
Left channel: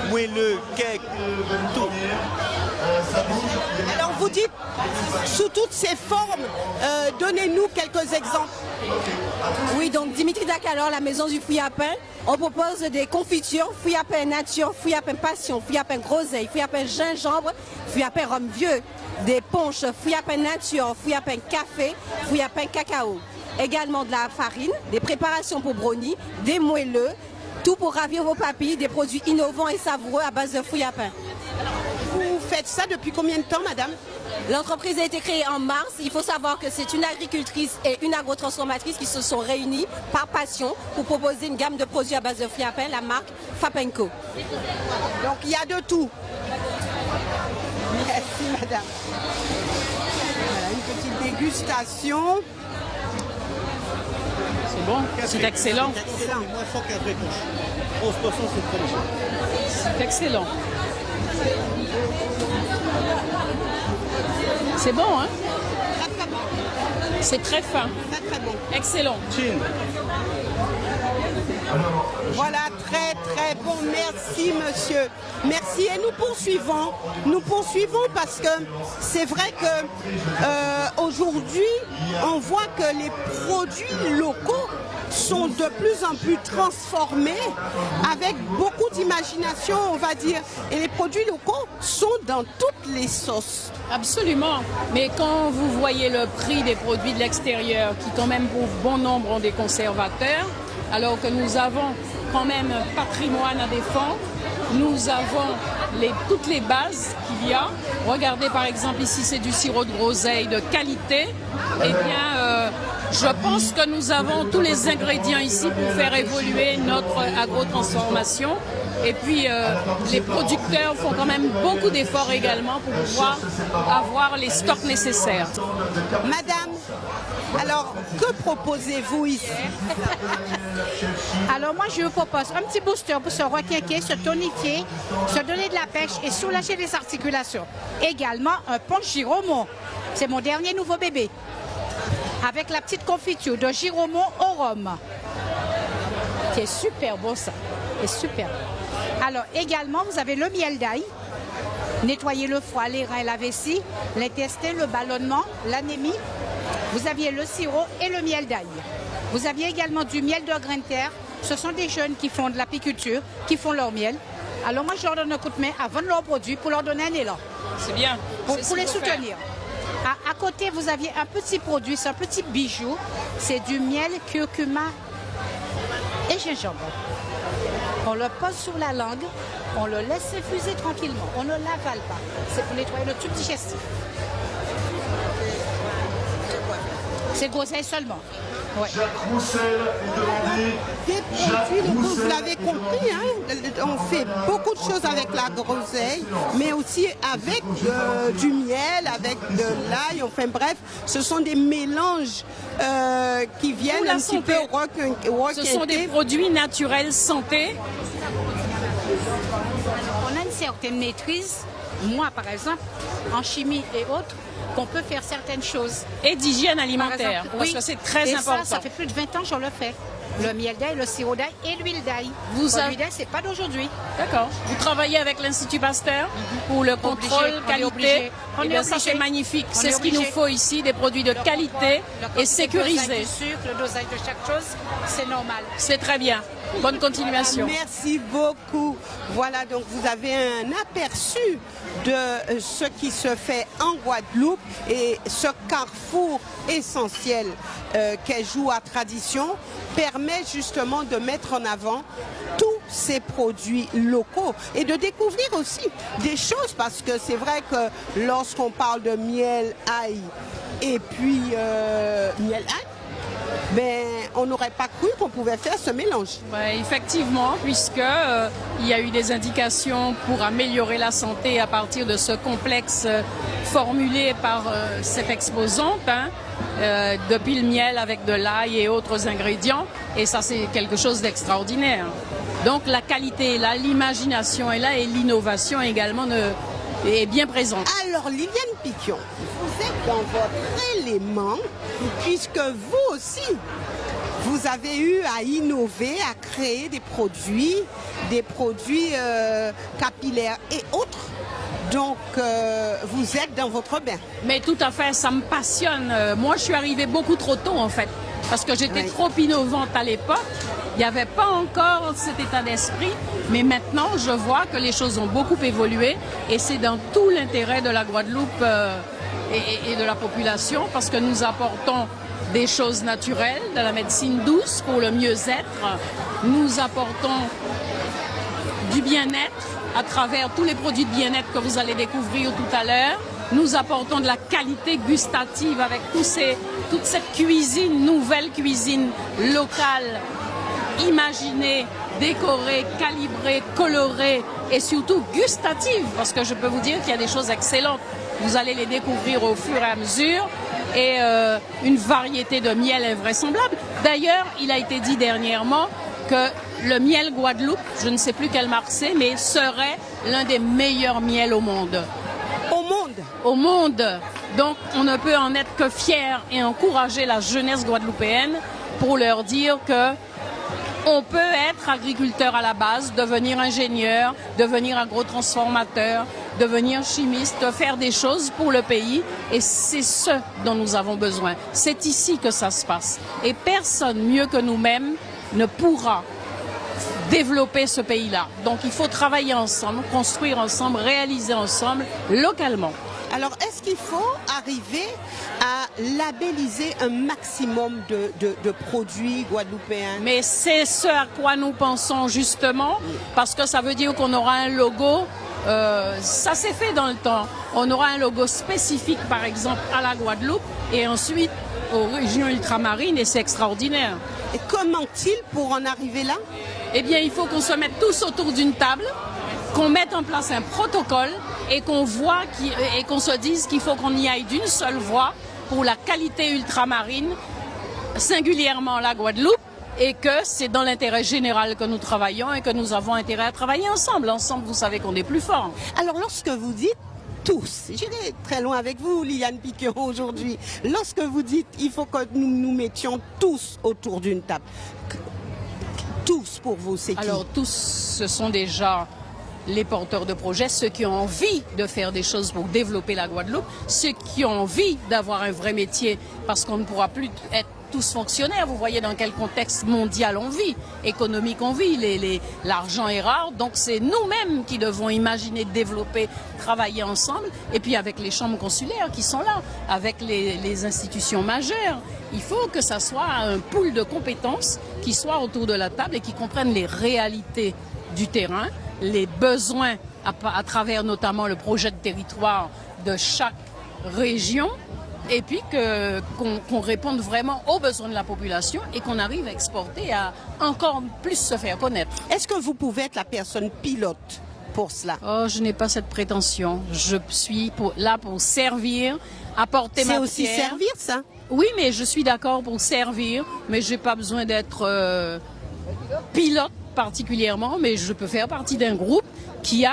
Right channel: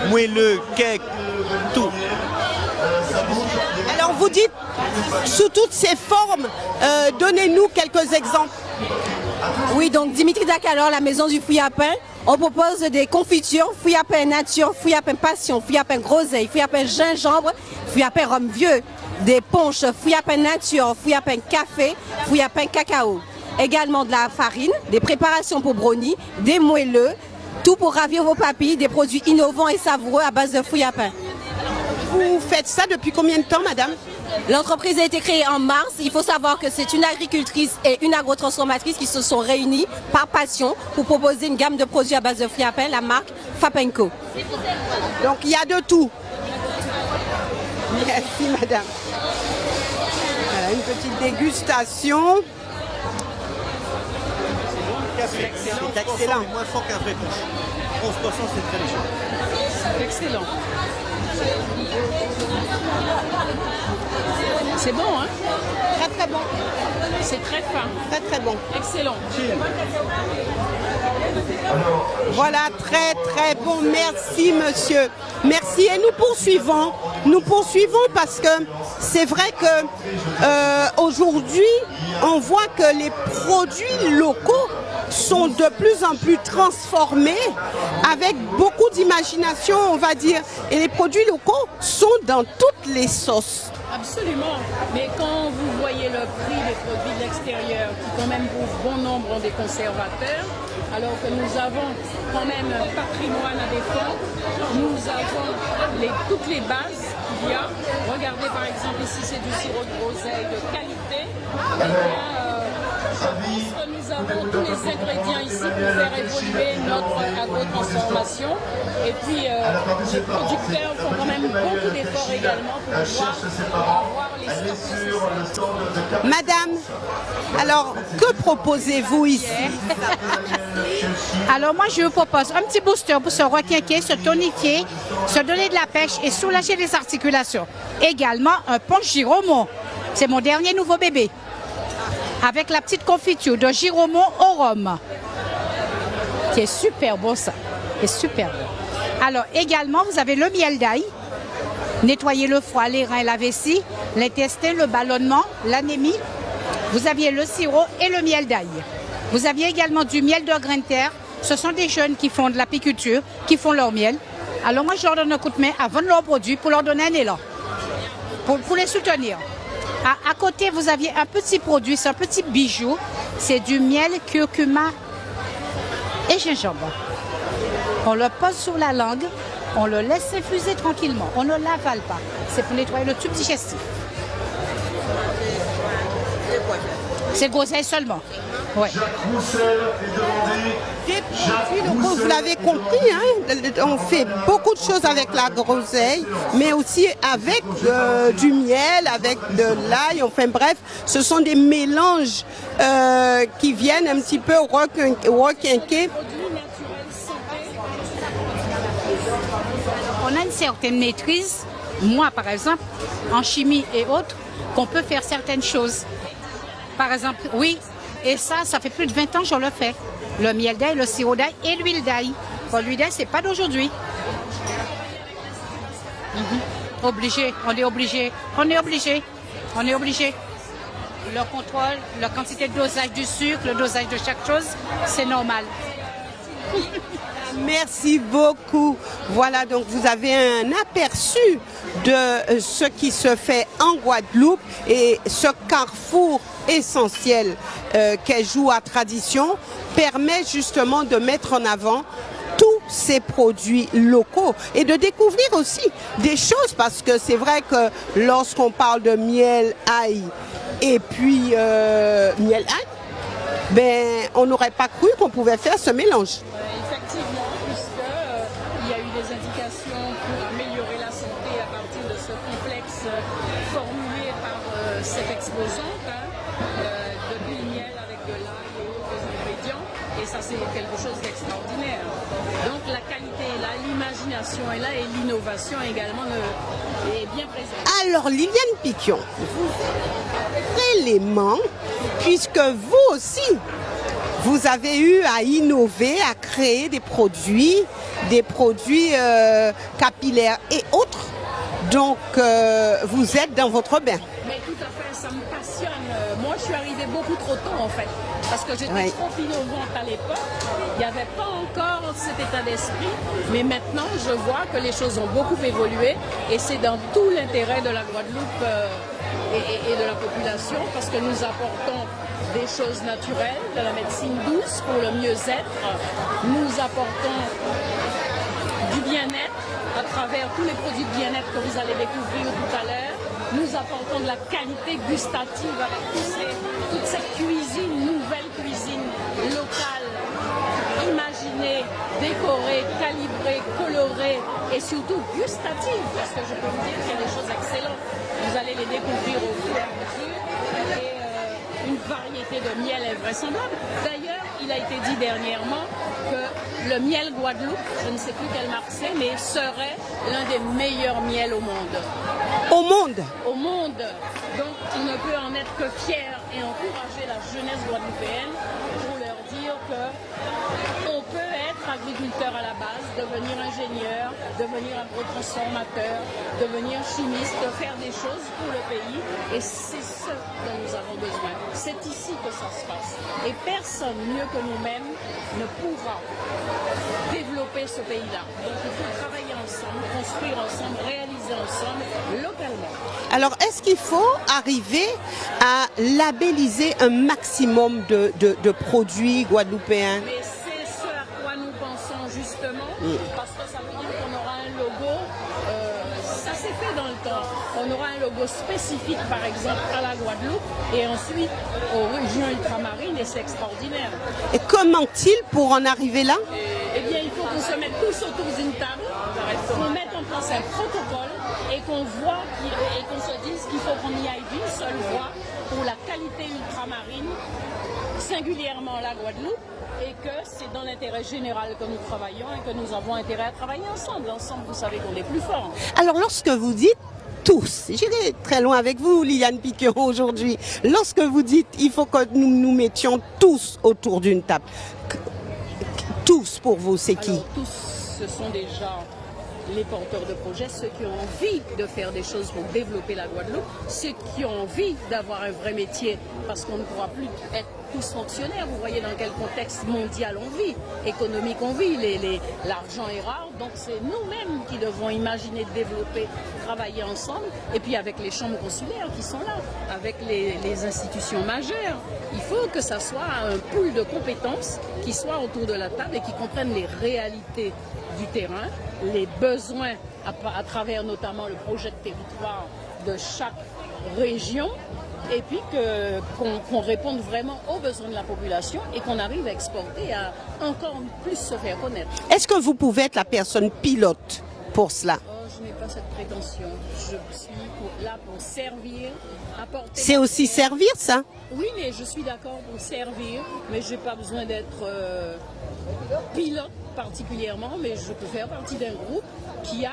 moelleux, cake, tout. Alors vous dites sous toutes ces formes, donnez-nous quelques exemples. Oui, donc Dimitri Dacalor, la maison du fruit à pain. On propose des confitures, fruits à pain nature, fruits à pain passion, fruits à pain groseille, fruits à pain gingembre, fruits à pain rhum vieux, des ponches, fruits à pain nature, fruits à pain café, fruits à pain cacao. Également de la farine, des préparations pour brownie, des moelleux, tout pour ravir vos papilles, des produits innovants et savoureux à base de fruits à pain. Vous faites ça depuis combien de temps, madame? L'entreprise a été créée en mars. Il faut savoir que c'est une agricultrice et une agrotransformatrice qui se sont réunies par passion pour proposer une gamme de produits à base de fruits à pain, la marque Fapenco. Donc il y a de tout. Merci madame. Voilà une petite dégustation. C'est excellent. C'est excellent. Moins fort qu'un vrai punch. 11%, c'est très léger. C'est excellent. C'est bon, hein? Très très bon. C'est très fin. Très très bon. Excellent. Voilà, très très bon. Merci monsieur. Merci et nous poursuivons. Nous poursuivons parce que c'est vrai que aujourd'hui, on voit que les produits locaux sont de plus en plus transformés avec beaucoup d'imagination, on va dire. Et les produits locaux sont dans toutes les sauces. Absolument. Mais quand vous voyez le prix des produits de l'extérieur, qui quand même pour bon nombre ont des conservateurs, alors que nous avons quand même un patrimoine à défendre, nous avons toutes les bases qu'il y a. Regardez par exemple ici, c'est du sirop de groseille de qualité. Eh bien, je pense que nous avons tous les ingrédients ici pour faire évoluer notre agro-transformation. Et puis, les producteurs font quand même beaucoup d'efforts également pour pouvoir avoir les stocks nécessaires. Madame, alors que proposez-vous ici? Alors moi je vous propose un petit booster pour se requinquer, se tonifier, se donner de la pêche et soulager les articulations. Également un punch Giromont, c'est mon dernier nouveau bébé. Avec la petite confiture de Giromont au rhum. C'est super bon ça, c'est super. Alors également vous avez le miel d'ail. Nettoyer le foie, les reins, la vessie, l'intestin, le ballonnement, l'anémie. Vous aviez le sirop et le miel d'ail. Vous aviez également du miel de grain de terre. Ce sont des jeunes qui font de l'apiculture, qui font leur miel. Alors moi, je leur donne un coup de main à vendre leurs produits pour leur donner un élan. C'est bien. Pour les soutenir. À côté, vous aviez un petit produit, c'est un petit bijou. C'est du miel, curcuma et gingembre. On le pose sur la langue, on le laisse infuser tranquillement. On ne l'avale pas. C'est pour nettoyer le tube digestif. C'est groseille seulement. Ouais. Des produits locaux, vous l'avez compris, hein, on fait beaucoup de choses avec la groseille, mais aussi avec du miel, avec de l'ail, enfin bref, ce sont des mélanges qui viennent un petit peu Ce sont des requinquer. produits naturels santé. On a une certaine maîtrise, moi par exemple, en chimie et autres, qu'on peut faire certaines choses. Et d'hygiène alimentaire. Par exemple, parce oui, que c'est très et important. ça fait plus de 20 ans que je le fais. Le miel d'ail, le sirop d'ail et l'huile d'ail. L'huile d'ail, c'est pas d'aujourd'hui. D'accord. Vous travaillez avec l'Institut Pasteur pour le contrôle Obligé, on est qualité. obligé. On Eh est bien, ça, obligé. C'est magnifique. On C'est est ce qu'il obligé. nous faut ici, des produits de Le qualité contrôle, la et quantité de dosage sécurisés. du sucre, le dosage de chaque chose, c'est normal. C'est très bien. Bonne continuation. Merci beaucoup. Voilà, donc vous avez un aperçu de ce qui se fait en Guadeloupe et ce carrefour essentiel qu'est Joua Tradition permet justement de mettre en avant tous ces produits locaux et de découvrir aussi des choses parce que c'est vrai que lorsqu'on parle de miel ail et puis miel ail, ben, on n'aurait pas cru qu'on pouvait faire ce mélange. Ouais, effectivement, puisque il y a eu des indications pour améliorer la santé à partir de ce complexe formulé par cette exposante, hein, depuis le miel avec de l'ail et autres ingrédients, et ça c'est quelque chose d'extraordinaire. Donc la qualité est là, l'imagination est là et l'innovation également est bien présente. Alors Liliane Piquion, élément, puisque vous aussi, vous avez eu à innover, à créer des produits capillaires et autres. Donc, vous êtes dans votre bain. Mais tout à fait, ça me passionne. Moi, je suis arrivée beaucoup trop tôt, en fait, parce que j'étais Oui. trop innovante à l'époque. Il n'y avait pas encore cet état d'esprit. Mais maintenant, je vois que les choses ont beaucoup évolué et c'est dans tout l'intérêt de la Guadeloupe et de la population, parce que nous apportons des choses naturelles, de la médecine douce pour le mieux-être. Nous apportons du bien-être à travers tous les produits de bien-être que vous allez découvrir tout à l'heure. Nous apportons de la qualité gustative avec toute cette cuisine, nouvelle cuisine locale, imaginée, décorée, calibrée, colorée et surtout gustative, parce que je peux vous dire qu'il y a des choses excellentes. Vous allez les découvrir au fur et à mesure et une variété de miel invraisemblable. D'ailleurs, il a été dit dernièrement que le miel Guadeloupe, je ne sais plus quelle marque c'est, mais serait l'un des meilleurs miels au monde. Au monde. Au monde. Donc, on ne peut en être que fier et encourager la jeunesse guadeloupéenne pour leur dire que on peut être agriculteur à la base, devenir ingénieur, devenir agrotransformateur, devenir chimiste, faire des choses pour le pays. Et c'est ce dont nous avons besoin. C'est ici que ça se passe. Et personne mieux que nous-mêmes ne pourra développer ce pays-là. Donc il faut travailler ensemble, construire ensemble, réaliser ensemble, localement. Alors, est-ce qu'il faut arriver à labelliser un maximum de produits guadeloupéens? Mais c'est ce à quoi nous pensons justement, parce que ça veut dire qu'on aura un logo, ça s'est fait dans le temps, on aura un logo spécifique par exemple à la Guadeloupe et ensuite aux régions ultramarines et c'est extraordinaire. Et comment il pour en arriver là? Eh bien, il faut qu'on se mette tous autour d'une table, qu'on mette en place un protocole et qu'on voit et qu'on se dise qu'il faut qu'on y aille d'une seule voix pour la qualité ultramarine, singulièrement la Guadeloupe, et que c'est dans l'intérêt général que nous travaillons et que nous avons intérêt à travailler ensemble. Ensemble, vous savez qu'on est plus fort. Alors, lorsque vous dites tous, j'irai très loin avec vous, Liliane Piqueron, aujourd'hui, lorsque vous dites il faut que nous nous mettions tous autour d'une table, tous pour vous, c'est qui? Alors, tous, ce sont déjà les porteurs de projets, ceux qui ont envie de faire des choses pour développer la Guadeloupe, ceux qui ont envie d'avoir un vrai métier, parce qu'on ne pourra plus être tous fonctionnaires. Vous voyez dans quel contexte mondial on vit, économique on vit, l'argent est rare, donc c'est nous-mêmes qui devons imaginer, développer, travailler ensemble, et puis avec les chambres consulaires qui sont là, avec les institutions majeures. Il faut que ça soit un pool de compétences qui soit autour de la table et qui comprennent les réalités du terrain, les besoins à travers notamment le projet de territoire de chaque région, et puis qu'on réponde vraiment aux besoins de la population et qu'on arrive à exporter, à encore plus se faire connaître. Est-ce que vous pouvez être la personne pilote pour cela? Oh, je n'ai pas cette prétention. Je suis là pour servir, apporter ma C'est aussi pierre. servir, ça? Oui, mais je suis d'accord pour servir, mais je n'ai pas besoin d'être pilote particulièrement, mais je peux faire partie d'un groupe qui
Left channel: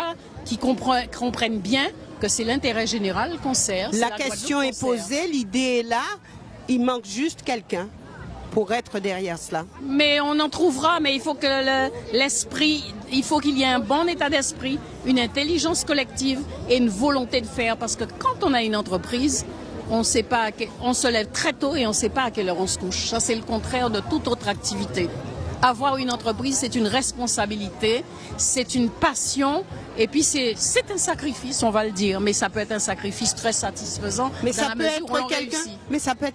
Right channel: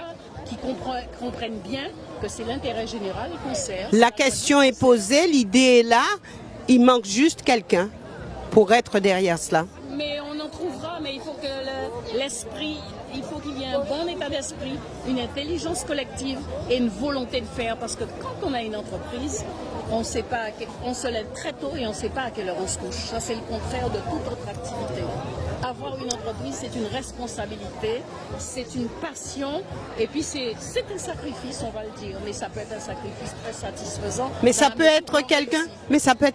comprennent bien que c'est l'intérêt général qu'on sert. La question est posée, l'idée est là, il manque juste quelqu'un pour être derrière cela. Mais on en trouvera, mais il faut que l'esprit, il faut qu'il y ait un bon état d'esprit, une intelligence collective et une volonté de faire, parce que quand on a une entreprise, on se lève très tôt et on ne sait pas à quelle heure on se couche. Ça, c'est le contraire de toute autre activité. Avoir une entreprise, c'est une responsabilité, c'est une passion, et puis c'est un sacrifice, on va le dire, mais ça peut être un sacrifice très satisfaisant. Mais ça peut être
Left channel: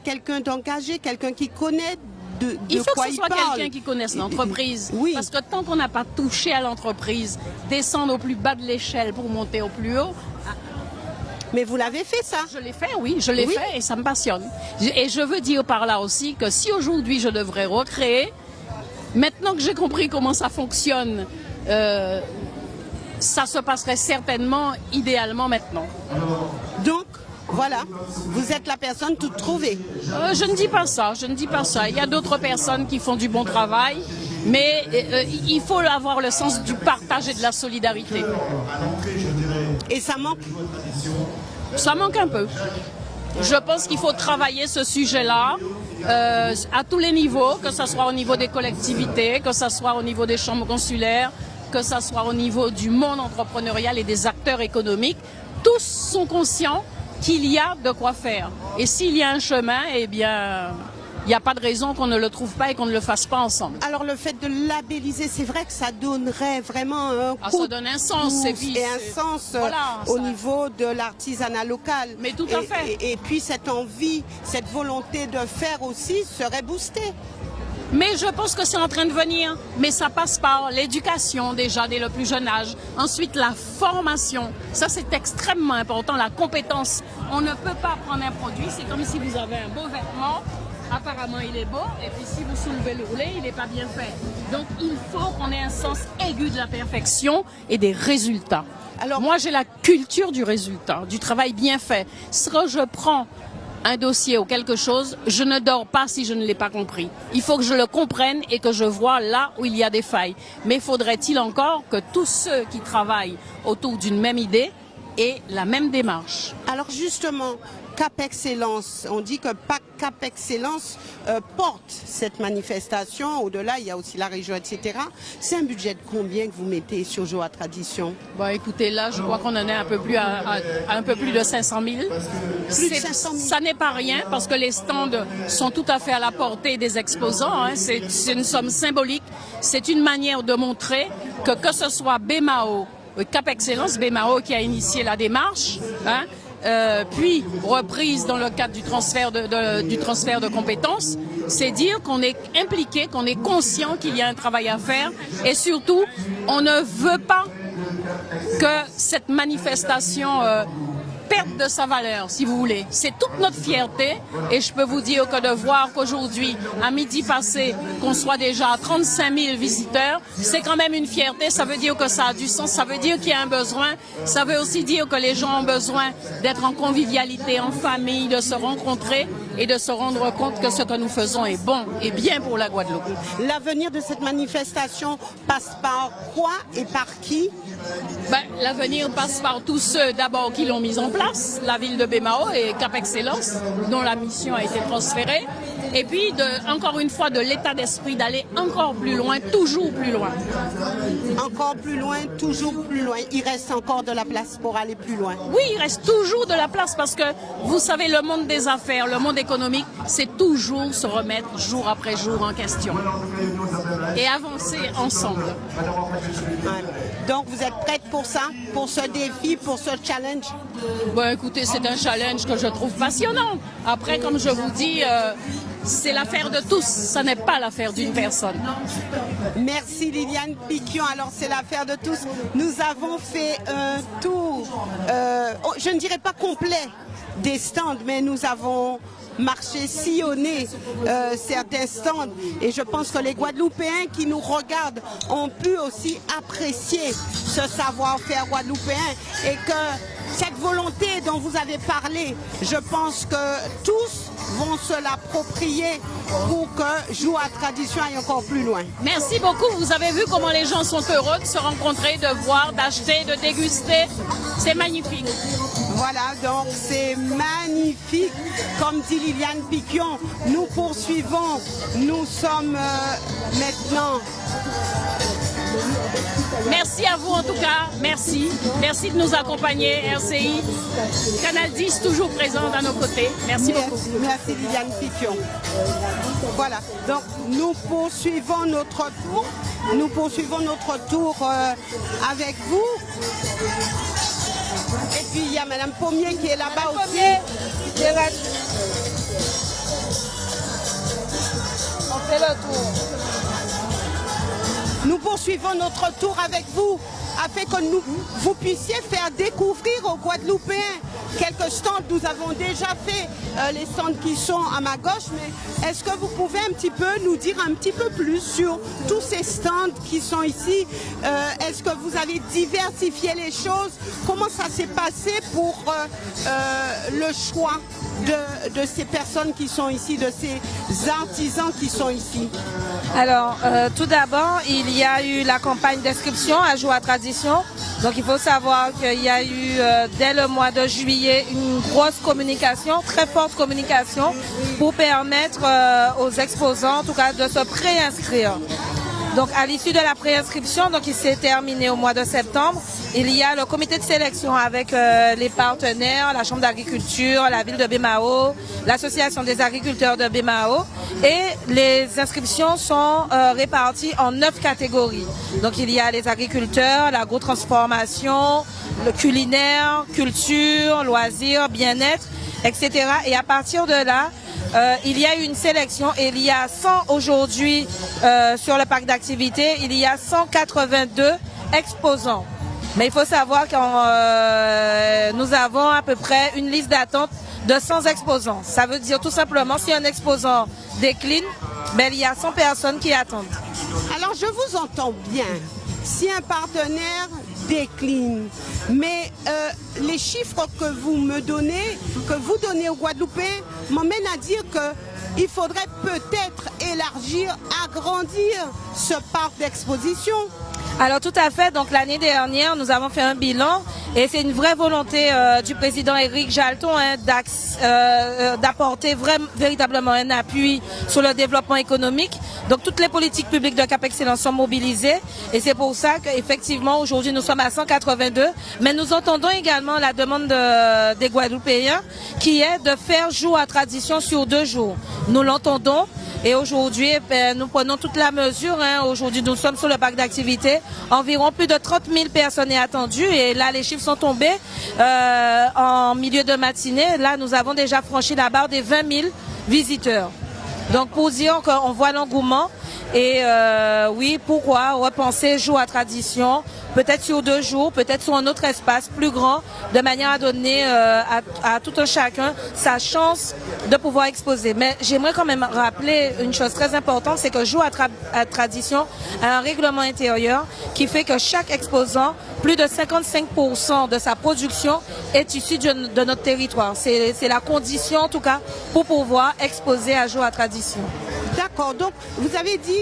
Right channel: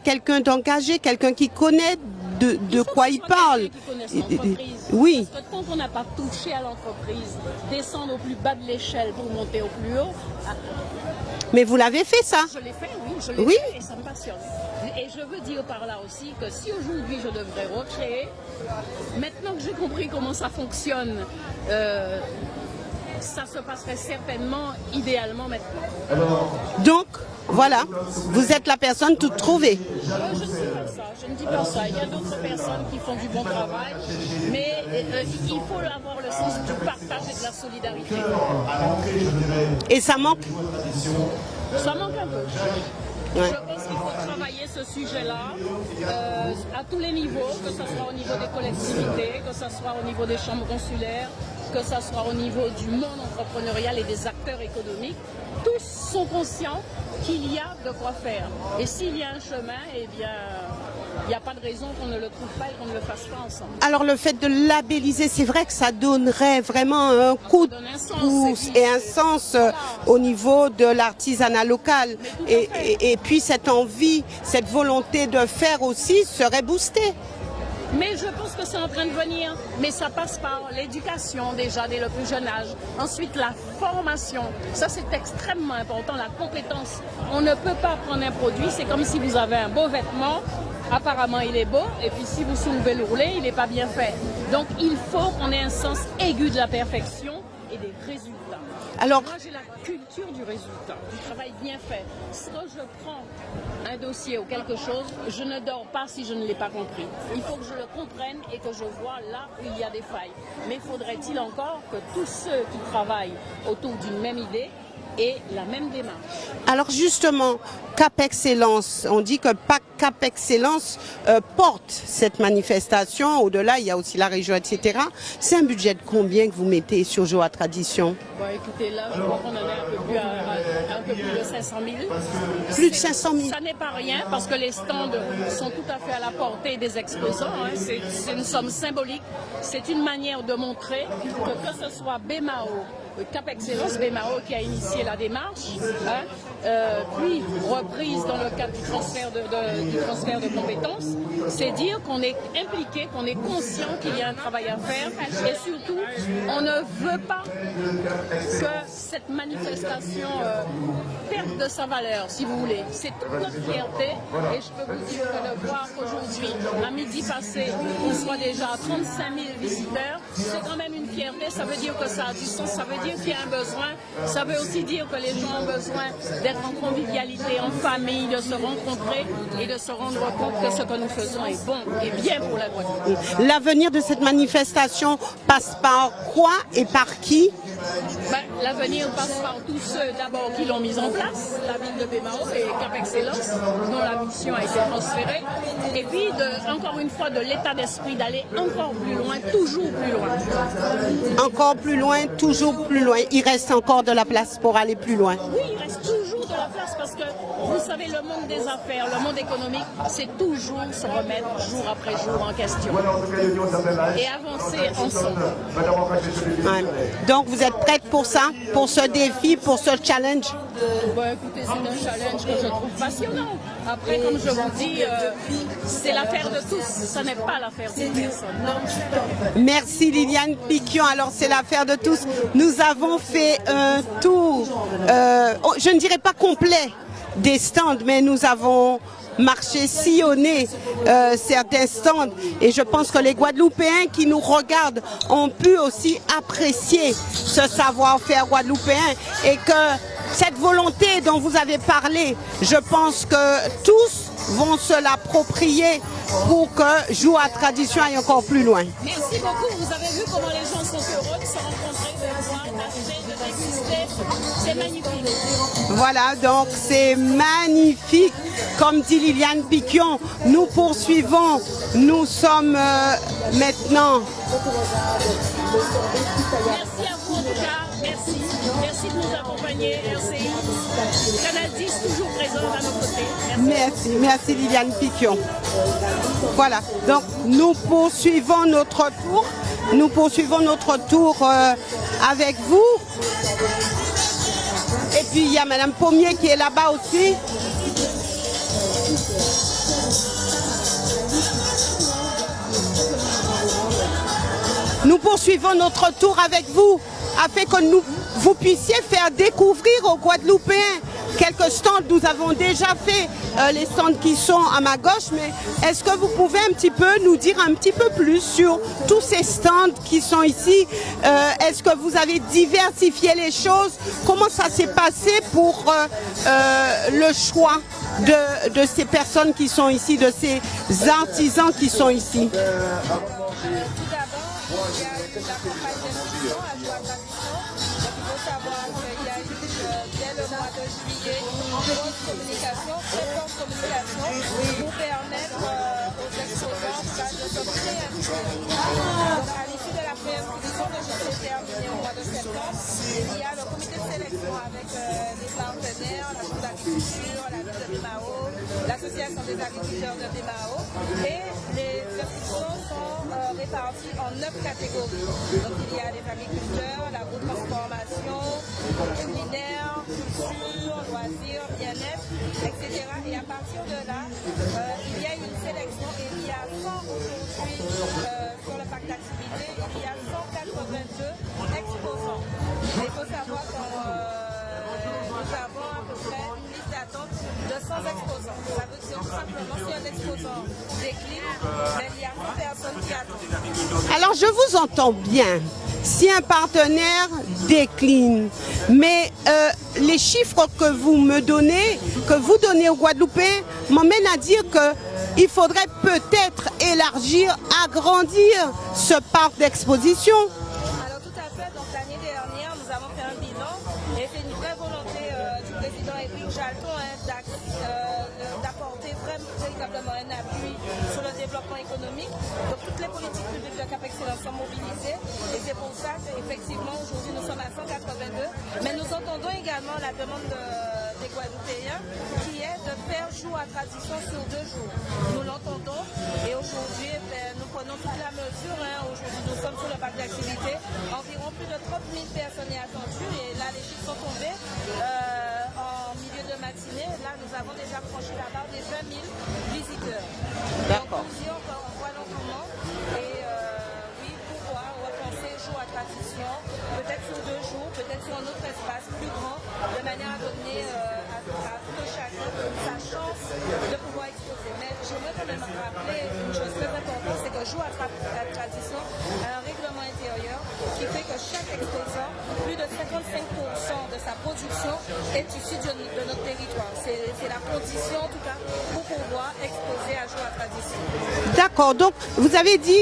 quelqu'un d'engagé, quelqu'un qui connaît de quoi il parle. Quelqu'un qui connaisse l'entreprise. Oui. Parce que tant qu'on n'a pas touché à l'entreprise, descendre au plus bas de l'échelle pour monter au plus haut. Mais vous l'avez fait, ça? Je l'ai fait, oui, je l'ai fait et ça me passionne. Et je veux dire par là aussi que si aujourd'hui je devrais recréer, maintenant que j'ai compris comment ça fonctionne, ça se passerait certainement, idéalement maintenant. Donc, voilà, vous êtes la personne toute trouvée. Je ne dis pas ça, je ne dis pas ça. Il y a d'autres personnes qui font du bon travail, mais il faut avoir le sens du partage et de la solidarité. Et ça manque? Ça manque un peu. Je pense qu'il faut travailler ce sujet-là à tous les niveaux, que ce soit au niveau des collectivités, que ce soit au niveau des chambres consulaires, que ce soit au niveau du monde entrepreneurial et des acteurs économiques. Tous sont conscients qu'il y a de quoi faire. Et s'il y a un chemin, eh bien, il n'y a pas de raison qu'on ne le trouve pas et qu'on ne le fasse pas ensemble. Alors le fait de labelliser, c'est vrai que ça donnerait vraiment un coup de pouce et un sens au niveau de l'artisanat local. Mais tout à fait. Et puis cette envie, cette volonté de faire aussi serait boostée. Mais je pense que c'est en train de venir. Mais ça passe par l'éducation déjà dès le plus jeune âge. Ensuite, la formation. Ça, c'est extrêmement important, la compétence. On ne peut pas prendre un produit. C'est comme si vous avez un beau vêtement. Apparemment, il est beau. Et puis, si vous soulevez le roulet, il n'est pas bien fait. Donc, il faut qu'on ait un sens aigu de la perfection et des résultats. Alors, moi, j'ai la culture du résultat, du travail bien fait. Si je prends un dossier ou quelque chose, je ne dors pas si je ne l'ai pas compris. Il faut que je le comprenne et que je vois là où il y a des failles. Mais faudrait-il encore que tous ceux qui travaillent autour d'une même idée et la même démarche. Alors justement, Cap Excellence, on dit que Cap Excellence porte cette manifestation. Au-delà, il y a aussi la région, etc. C'est un budget de combien que vous mettez sur Joie Tradition? Bon, écoutez, là, je crois qu'on en est un peu plus de 500 000. Plus de 500 000. Ça n'est pas rien parce que les stands sont tout à fait à la portée des exposants. Hein. C'est une somme symbolique. C'est une manière de montrer que ce soit BMAO, Cap Excellence, BMAO qui a initié la démarche, hein, puis reprise dans le cadre du transfert de compétences, c'est dire qu'on est impliqué, qu'on est conscient qu'il y a un travail à faire et surtout, on ne veut pas que cette manifestation perde de sa valeur, si vous voulez. C'est toute notre fierté et je peux vous dire que de voir qu'aujourd'hui, à midi passé, qu'on soit déjà à 35 000 visiteurs, c'est quand même une fierté. Ça veut dire que ça a du sens, ça veut dire qu'il y a un besoin, ça veut aussi dire que les gens ont besoin d'être en convivialité, en famille, de se rencontrer et de se rendre compte que ce que nous faisons est bon et bien pour la Guadeloupe. L'avenir de cette manifestation passe par quoi et par qui? L'avenir passe par tous ceux d'abord qui l'ont mise en place, la ville de BMAO et Cap Excellence, dont la mission a été transférée, et puis encore une fois de l'état d'esprit d'aller encore plus loin, toujours plus loin. Encore plus loin, toujours plus loin. Il reste encore de la place pour aller plus loin. Oui, il reste toujours de la place parce que vous savez, le monde des affaires, le monde économique, c'est toujours se remettre jour après jour en question et avancer ensemble. Ouais. Donc vous êtes prête pour ça, pour ce défi, pour ce challenge? Bon, écoutez, c'est un challenge que je trouve passionnant. Après, comme je vous dis, c'est l'affaire de tous, ce n'est pas l'affaire d'une personne. Merci Liliane Piquion. Alors c'est l'affaire de tous. Nous avons fait un tour, je ne dirais pas complet des stands, mais nous avons marché, sillonné certains stands et je pense que les Guadeloupéens qui nous regardent ont pu aussi apprécier ce savoir-faire guadeloupéen et que cette volonté dont vous avez parlé, je pense que tous vont se l'approprier pour que Joie Tradition aille encore plus loin. Merci beaucoup. Vous avez vu comment les gens sont heureux de se rencontrer, de voir, d'acheter, de déguster. C'est magnifique. Voilà, donc c'est magnifique. Comme dit Liliane Piquion, nous poursuivons. Nous sommes maintenant... Merci à vous en tout cas, merci. Merci de nous accompagner, RCI. Canal 10 toujours présent à nos côtés. Merci. Merci Liliane Piquion. Voilà, donc nous poursuivons notre tour. Nous poursuivons notre tour avec vous. Et puis il y a Madame Pommier qui est là-bas aussi. Nous poursuivons notre tour avec vous afin que vous puissiez faire découvrir aux Guadeloupéens quelques stands. Nous avons déjà fait les stands qui sont à ma gauche, mais est-ce que vous pouvez un petit peu nous dire un petit peu plus sur tous ces stands qui sont ici? Est-ce que vous avez diversifié les choses? Comment ça s'est passé pour le choix de ces personnes qui sont ici, de ces artisans qui sont ici? Alors, tout d'abord, il y a eu la campagne d'inscription à Joie Tradition. Donc, il faut savoir qu'il y a eu, dès le mois de juillet, une grosse communication, très forte communication, pour permettre aux exposants, en tout cas, de se préinscrire. Donc, à l'issue de la préinscription, donc il s'est terminé au mois de septembre, il y a le comité de sélection avec les partenaires, la Chambre d'agriculture, la ville de BMAO, l'association des agriculteurs de BMAO, et les inscriptions sont réparties en 9 catégories. Donc il y a les agriculteurs, l'agro-transformation, le culinaire, culture, loisirs, bien-être, etc. Et à partir de là, il y a eu une sélection et il y a 100 aujourd'hui sur le parc d'activités, il y a 182 exposants. Mais il faut savoir que nous avons à peu près une liste d'attente de 100 exposants. Ça veut dire tout simplement si un exposant décline, ben, il y a 100 personnes qui attendent. Alors je vous entends bien. Si un partenaire décline, mais les chiffres que vous me donnez, que vous donnez aux Guadeloupéens, m'emmènent à dire qu'il faudrait peut-être élargir, agrandir ce parc d'exposition. Alors tout à fait, donc l'année dernière, nous avons fait un bilan Et c'est une vraie volonté du président Éric Jalton d'apporter véritablement un appui sur le développement économique. Donc toutes les politiques publiques de Cap Excellence sont mobilisées et c'est pour ça qu'effectivement aujourd'hui nous sommes à 182, mais nous entendons également la demande des Guadeloupéens qui est de faire jour à tradition sur 2 jours. Nous l'entendons et aujourd'hui nous prenons toute la mesure. Aujourd'hui nous sommes sur le parc d'activité, environ plus de 30 000 personnes est attendues et là les chiffres sont tombés en milieu de matinée. Là nous avons déjà franchi la barre des 20 000 visiteurs. Donc pour dire qu'on voit l'engouement et oui, pourquoi repenser jour à tradition, peut-être sur 2 jours, peut-être sur un autre espace plus grand, de manière à donner à tout un chacun sa chance de pouvoir exposer. Mais j'aimerais quand même rappeler une chose très importante, c'est que jour à tradition a un règlement intérieur qui fait que chaque exposant, plus de 55% de sa production est issue de notre territoire. C'est la condition en tout cas pour pouvoir exposer à jour à tradition. D'accord, donc vous avez dit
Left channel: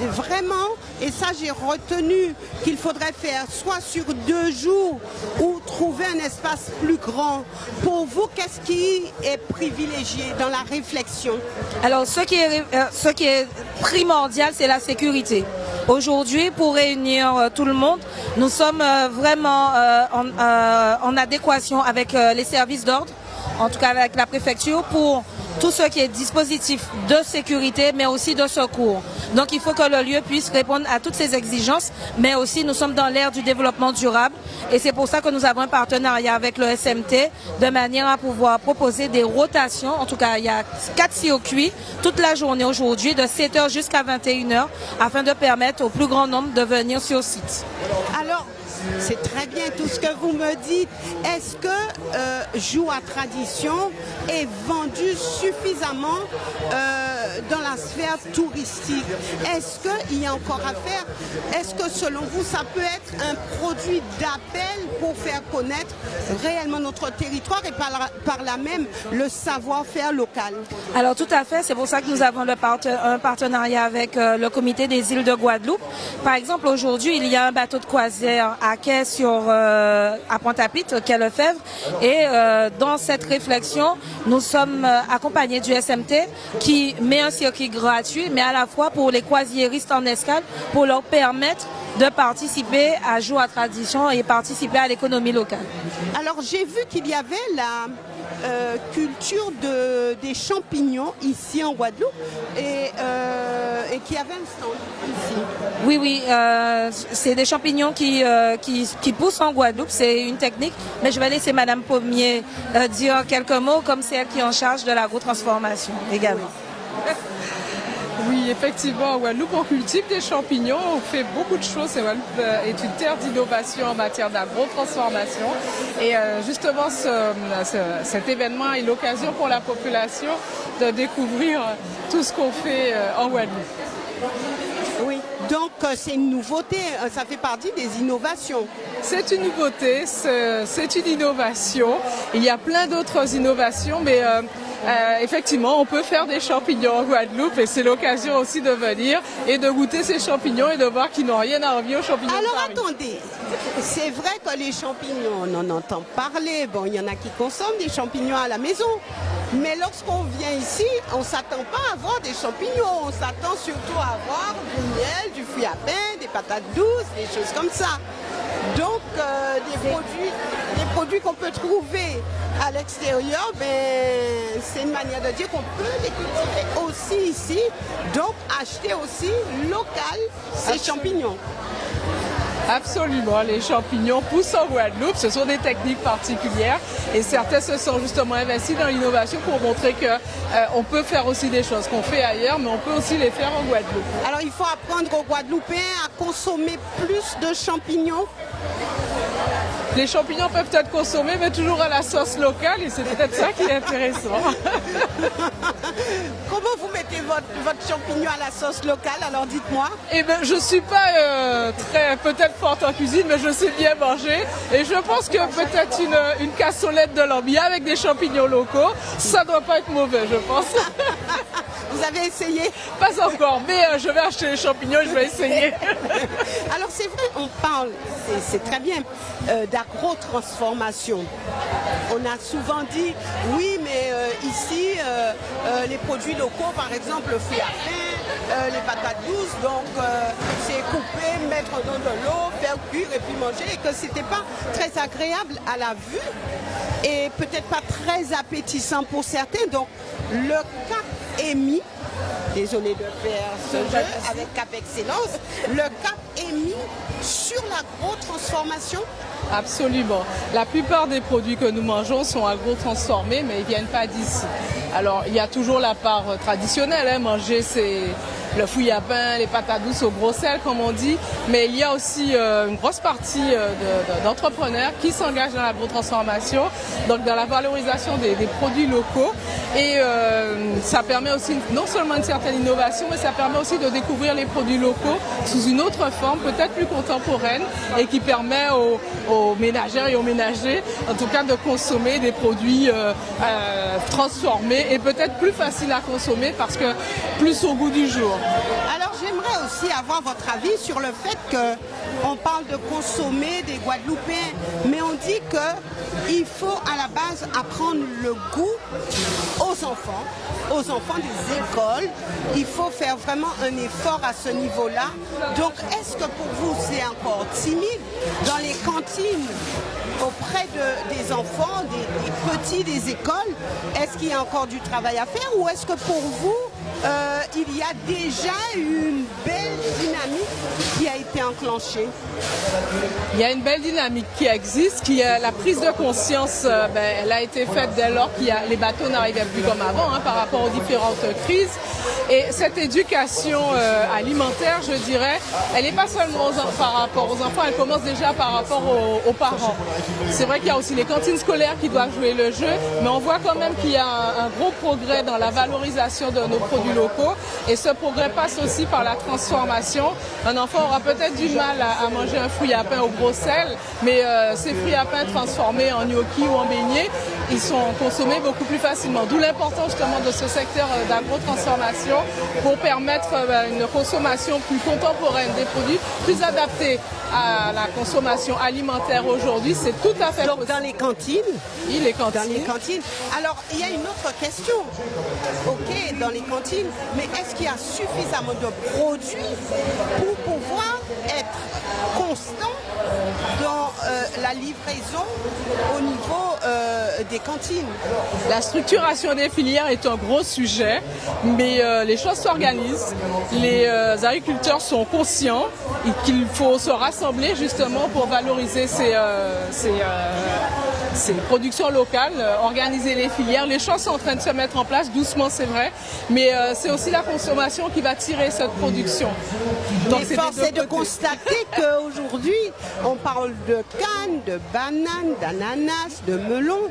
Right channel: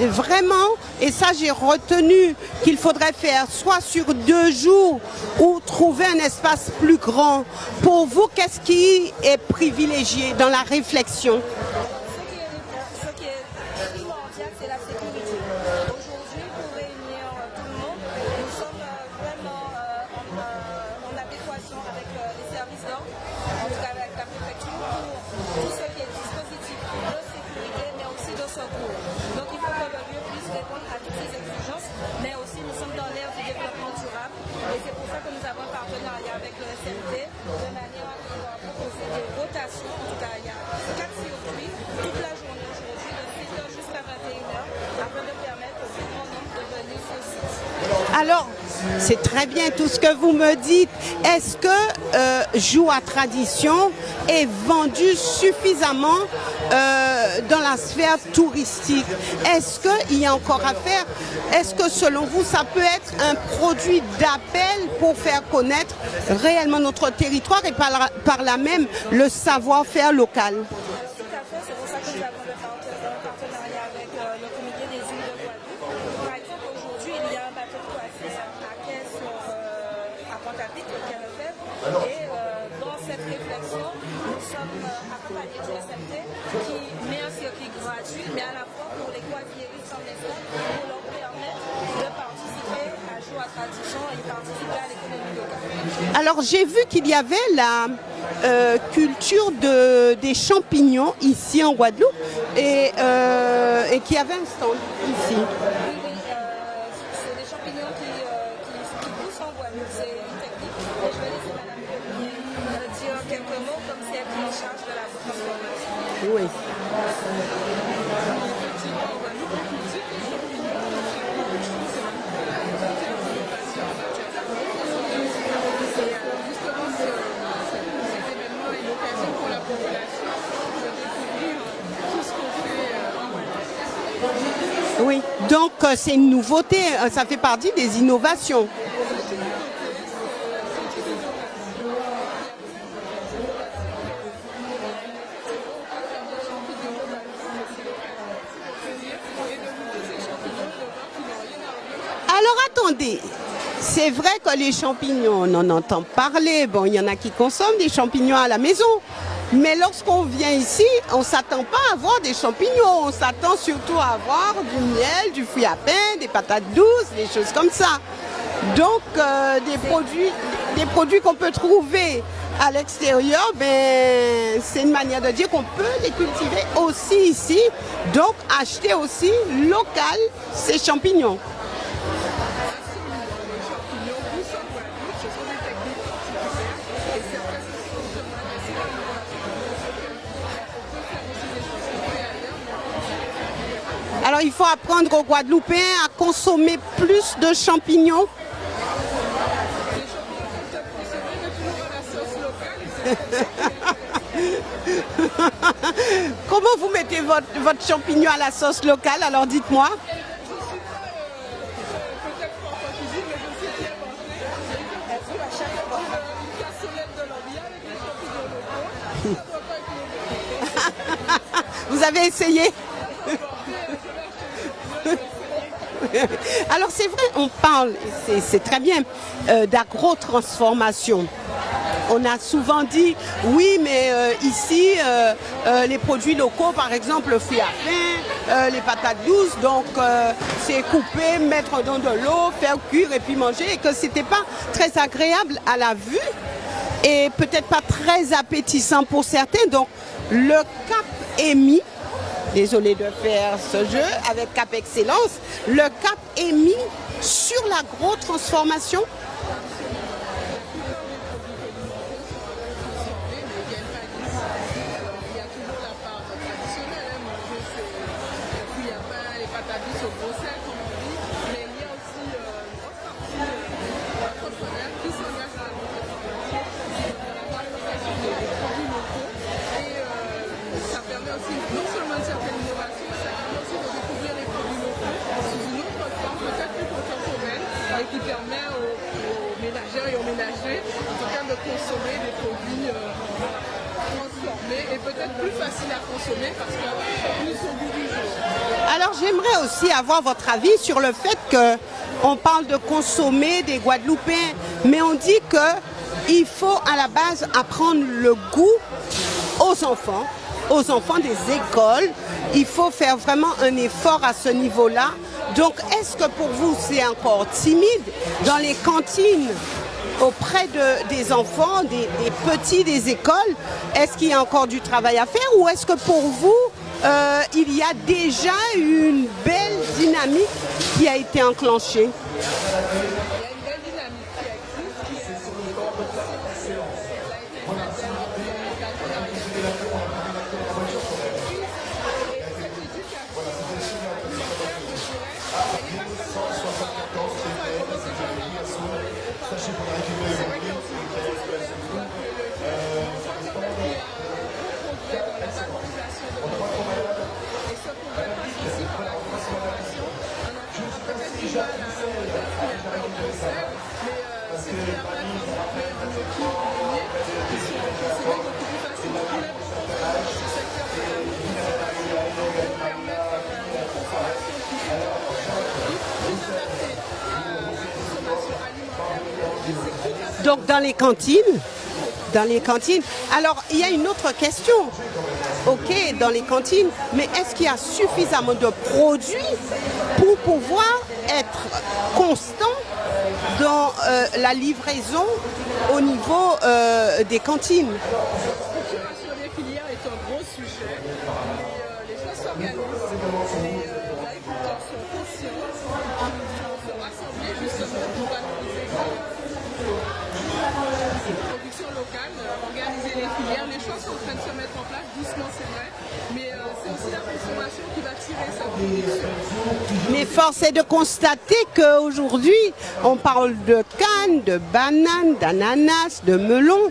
vraiment, et ça j'ai retenu qu'il faudrait faire soit sur 2 jours ou trouver un espace plus grand. Pour vous, qu'est-ce qui est privilégié dans la réflexion? Alors ce qui est primordial, c'est la sécurité. Aujourd'hui, pour réunir tout le monde, nous sommes vraiment en adéquation avec les services d'ordre, en tout cas avec la préfecture, pour tout ce qui est dispositif de sécurité, mais aussi de secours. Donc il faut que le lieu puisse répondre à toutes ces exigences, mais aussi nous sommes dans l'ère du développement durable et c'est pour ça que nous avons un partenariat avec le SMT de manière à pouvoir proposer des rotations. En tout cas, il y a 4 circuits toute la journée aujourd'hui, de 7h jusqu'à 21h, afin de permettre au plus grand nombre de venir sur site. Alors, c'est très bien tout ce que vous me dites. Est-ce que jour à tradition est vendu suffisamment dans la sphère touristique? Est-ce qu'il y a encore à faire? Est-ce que selon vous, ça peut être un produit d'appel pour faire connaître réellement notre territoire et par là même le savoir-faire local? Alors tout à fait, c'est pour ça que nous avons un partenariat avec le comité des îles de Guadeloupe. Par exemple, aujourd'hui, il y a un bateau de croisière à quai à Pointe-à-Pitre, quai Lefebvre, et dans cette réflexion, nous sommes accompagnés du SMT qui met un circuit gratuit, mais à la fois pour les croisiéristes en escale, pour leur permettre de participer à jour à tradition et participer à l'économie locale. Alors j'ai vu qu'il y avait la culture des champignons ici en Guadeloupe et qu'il y avait un stand ici. Oui, c'est des champignons qui poussent en Guadeloupe, c'est une technique, mais je vais laisser Madame Pommier dire quelques mots, comme c'est elle qui est en charge de l'agrotransformation également. Oui, effectivement, en Guadeloupe, on cultive des champignons, on fait beaucoup de choses. Guadeloupe est une terre d'innovation en matière d'agrotransformation. Et justement, cet événement est l'occasion pour la population de découvrir tout ce qu'on fait en Guadeloupe. Oui, donc c'est une nouveauté, ça fait partie des innovations. C'est une nouveauté, c'est une innovation. Il y a plein d'autres innovations, mais effectivement, on peut faire des champignons en Guadeloupe et c'est l'occasion aussi de venir et de goûter ces champignons et de voir qu'ils n'ont rien à envier aux champignons. Alors attendez, c'est vrai que les champignons, on en entend parler. Bon, il y en a qui consomment des champignons à la maison. Mais lorsqu'on vient ici, on ne s'attend pas à avoir des champignons. On s'attend surtout à avoir du miel, du fruit à pain, des patates douces, des choses comme ça. Donc, des produits qu'on peut trouver à l'extérieur, c'est une manière de dire qu'on peut les cultiver aussi ici. Donc, acheter aussi local ces champignons. Absolument, les champignons poussent en Guadeloupe, ce sont des techniques particulières et certains se sont justement investis dans l'innovation pour montrer qu'on peut faire aussi des choses qu'on fait ailleurs, mais on peut aussi les faire en Guadeloupe. Alors il faut apprendre aux Guadeloupéens à consommer plus de champignons. Les champignons peuvent être consommés, mais toujours à la sauce locale, et c'est peut-être ça qui est intéressant. Comment vous mettez votre champignon à la sauce locale? Alors dites-moi. Eh bien, je ne suis pas peut-être forte en cuisine, mais je sais bien manger. Et je pense que peut-être une cassolette de lambia avec des champignons locaux, ça doit pas être mauvais, je pense. Vous avez essayé? Pas encore, mais je vais acheter les champignons et je vais essayer. Alors c'est vrai, on parle, c'est très bien, d'agro-transformation. On a souvent dit, oui, mais ici, les produits locaux, par exemple, le fruit à pain, les patates douces, donc c'est couper, mettre dans de l'eau, faire cuire et puis manger, et que c'était pas très agréable à la vue et peut-être pas très appétissant pour certains. Donc le cap est mis, désolé de faire ce jeu avec Cap Excellence, le cap est mis sur l'agro-transformation. Absolument. La plupart des produits que nous mangeons sont agro-transformés, mais ils ne viennent pas d'ici. Alors, il y a toujours la part traditionnelle. Manger, c'est le fouille à pain, les patates douces au gros sel, comme on dit. Mais il y a aussi une grosse partie d'entrepreneurs qui s'engagent dans l'agro-transformation, donc dans la valorisation des produits locaux. Et ça permet aussi non seulement une certaine innovation, mais ça permet aussi de découvrir les produits locaux sous une autre forme, peut-être plus contemporaine, et qui permet aux ménagères et aux ménagers, en tout cas, de consommer des produits transformés et peut-être plus faciles à consommer parce que plus au goût du jour. Alors j'aimerais aussi avoir votre avis sur le fait qu'on parle de consommer des Guadeloupéens, mais on dit qu'il faut à la base apprendre le goût aux enfants des écoles. Il faut faire vraiment un effort à ce niveau-là. Donc, est-ce que pour vous, c'est encore timide dans les cantines auprès des enfants, des petits des écoles? Est-ce qu'il y a encore du travail à faire ou est-ce que pour vous, il y a déjà une belle dynamique qui a été enclenchée? Il y a une belle dynamique qui existe, la prise de conscience, elle a été faite dès lors que les bateaux n'arrivaient plus comme avant par rapport aux différentes crises. Et cette éducation alimentaire, je dirais, elle n'est pas seulement par rapport aux enfants, elle commence déjà par rapport aux parents. C'est vrai qu'il y a aussi les cantines scolaires qui doivent jouer le jeu, mais on voit quand même qu'il y a un gros progrès dans la valorisation de nos produits locaux. Et ce progrès passe aussi par la transformation. Un enfant aura peut-être du mal à manger un fruit à pain au gros sel, mais ces fruits à pain transformés en gnocchi ou en beignets, ils sont consommés beaucoup plus facilement. D'où l'importance de ce secteur d'agro-transformation pour permettre une consommation plus contemporaine des produits, plus adaptée à la consommation alimentaire aujourd'hui. C'est tout à fait donc possible. Dans les cantines? Oui, les cantines. Dans les cantines. Alors, il y a une autre question. Ok, dans les cantines, mais est-ce qu'il y a suffisamment de produits pour pouvoir être constant dans la livraison au niveau des cantines? La structuration des filières est un gros sujet, mais les choses s'organisent. Les agriculteurs sont conscients qu'il faut se rassembler justement pour valoriser ces productions locales, organiser les filières. Les choses sont en train de se mettre en place, doucement c'est vrai, mais c'est aussi la consommation qui va tirer cette production. Mais force est de constater qu'aujourd'hui, on parle de canne, de banane, d'ananas, de melon,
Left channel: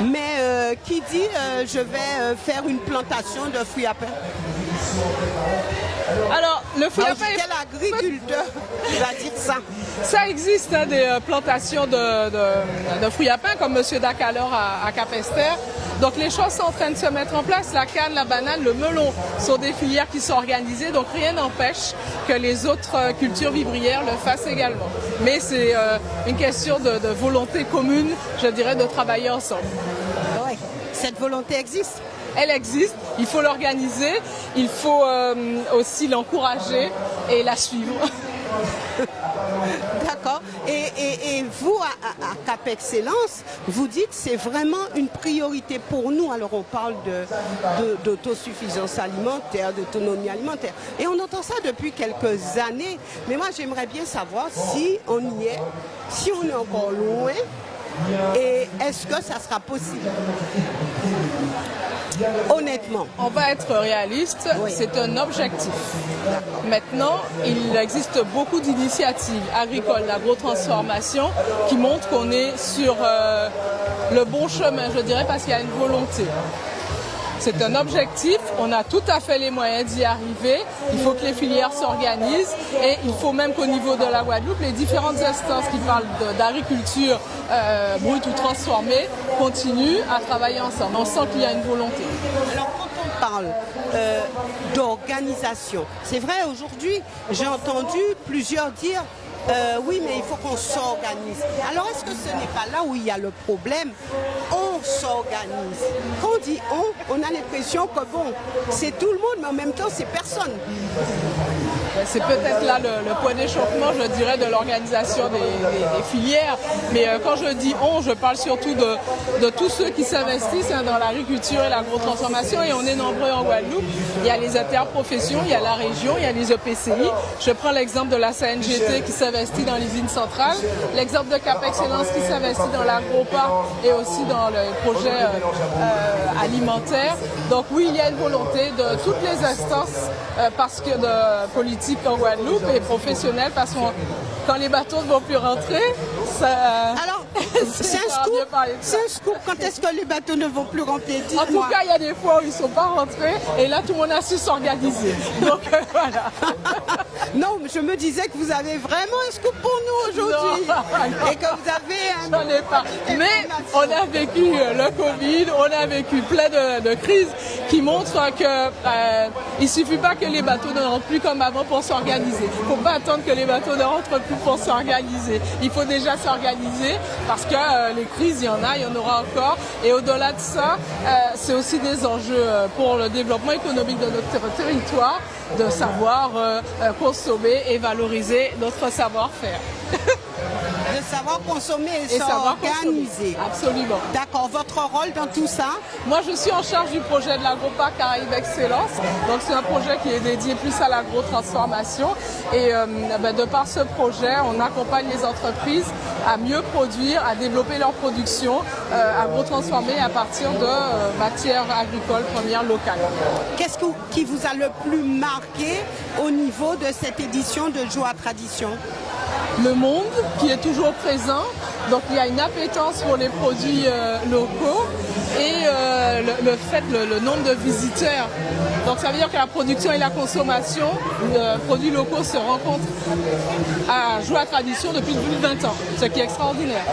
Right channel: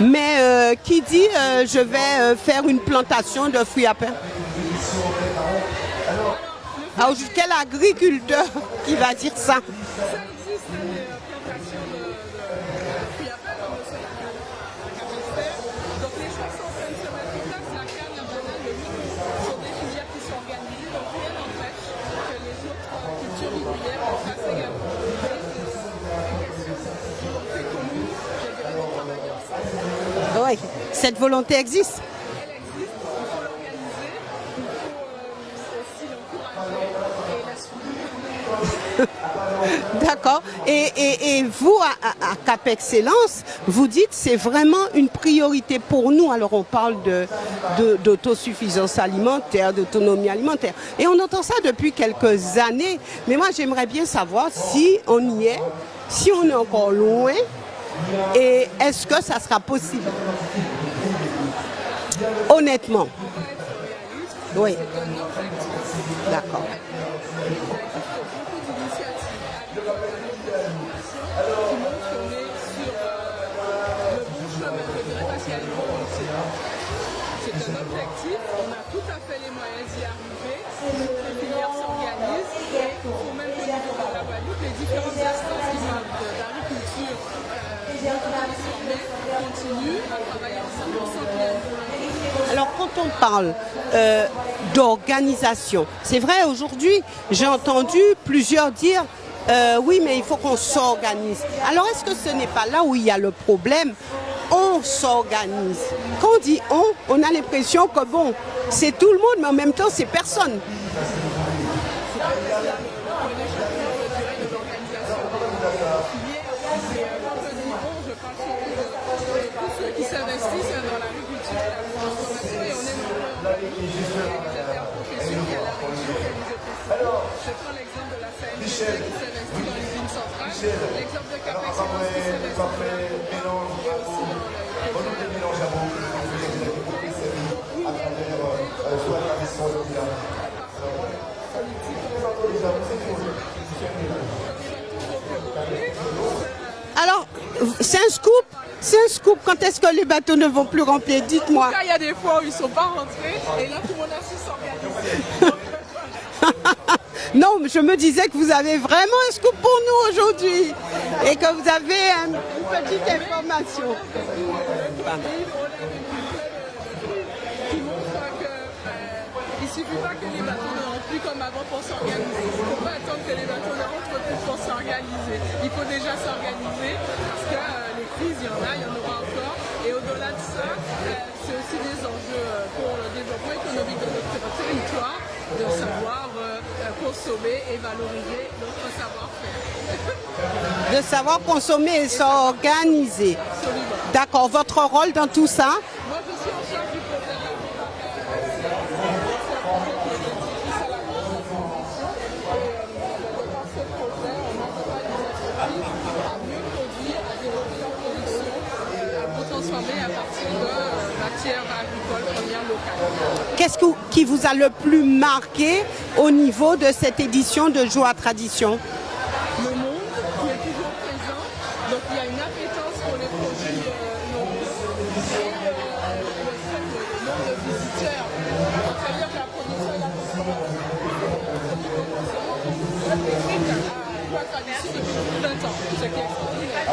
mais qui dit je vais faire une plantation de fruits à pain? Alors, quel agriculteur qui va dire ça? Ça existe des plantations de fruits à pain comme M. Dacalor à Cap-Esther. Donc les choses sont en train de se mettre en place. La canne, la banane, le melon sont des filières qui sont organisées. Donc rien n'empêche que les autres cultures vivrières le fassent également. Mais c'est une question de volonté commune, je dirais, de travailler ensemble. Oui, cette volonté existe. Elle existe, il faut l'organiser, il faut aussi l'encourager et la suivre. D'accord. Et vous, à Cap Excellence, vous dites c'est vraiment une priorité pour nous. Alors on parle d'autosuffisance alimentaire, d'autonomie alimentaire. Et on entend ça depuis quelques années. Mais moi j'aimerais bien savoir si on y est, si on est encore loin et est-ce que ça sera possible? Honnêtement. On va être réaliste, oui. C'est un objectif. Maintenant, il existe beaucoup d'initiatives agricoles d'agro-transformation qui montrent qu'on est sur le bon chemin, je dirais, parce qu'il y a une volonté. C'est un objectif, on a tout à fait les moyens d'y arriver. Il faut que les filières s'organisent et il faut même qu'au niveau de la Guadeloupe, les différentes instances qui parlent d'agriculture brute ou transformée continuent à travailler ensemble. On sent qu'il y a une volonté. Alors quand on parle d'organisation, c'est vrai aujourd'hui, j'ai entendu plusieurs dire oui, mais il faut qu'on s'organise. Alors est-ce que ce n'est pas là où il y a le problème? On s'organise. Quand on dit on a l'impression que bon, c'est tout le monde, mais en même temps, c'est personne. C'est peut-être là le point d'échauffement, je dirais, de l'organisation des filières. Mais quand je dis on, je parle surtout de tous ceux qui s'investissent dans l'agriculture et l'agrotransformation. Et on est nombreux en Guadeloupe. Il y a les interprofessions, il y a la région, il y a les EPCI. Je prends l'exemple de la CNGT qui s'investit dans l'usine centrale, l'exemple de Cap Excellence qui s'investit dans l'agro-parc et aussi dans le projet alimentaire. Donc oui, il y a une volonté de toutes les instances parce que de politique en Guadeloupe et professionnelle, parce que quand les bateaux ne vont plus rentrer, ça... Alors, c'est un scoop. C'est un scoop. Quand est-ce que les bateaux ne vont plus remplir? Dites-moi. En tout cas, il y a des fois où ils ne sont pas rentrés et là, tout le monde a su s'organiser. Donc, voilà. Non, je me disais que vous avez vraiment un scoop pour nous aujourd'hui et que vous avez une petite information. On a vécu le Covid, on a vécu plein de crises qui montrent qu'il ne suffit pas que les bateaux ne rentrent plus comme avant pour s'organiser. Il ne faut pas attendre que les bateaux ne rentrent plus pour s'organiser. Il faut déjà s'organiser parce que les crises, il y en aura encore. Et au-delà de ça, c'est aussi des enjeux pour le développement économique de notre territoire, de savoir consommer et valoriser notre savoir-faire. De savoir consommer et s'organiser. Absolument. D'accord. Votre rôle dans tout ça? Moi, je suis en charge du projet de l'agro-parc Caraïbes Excellence. Donc, c'est un projet qui est dédié plus à l'agro-transformation. Et de par ce projet, on accompagne les entreprises à mieux produire, à développer leur production agro-transformée à partir de matières agricoles premières locales. Qu'est-ce qui vous a le plus marqué au niveau de cette édition de Joie Tradition? Le monde qui est toujours présent, donc il y a une appétence pour les produits locaux et le nombre de visiteurs. Donc ça veut dire que la production et la consommation de produits locaux se rencontrent à Joie Tradition depuis plus de 20 ans, ce qui est extraordinaire.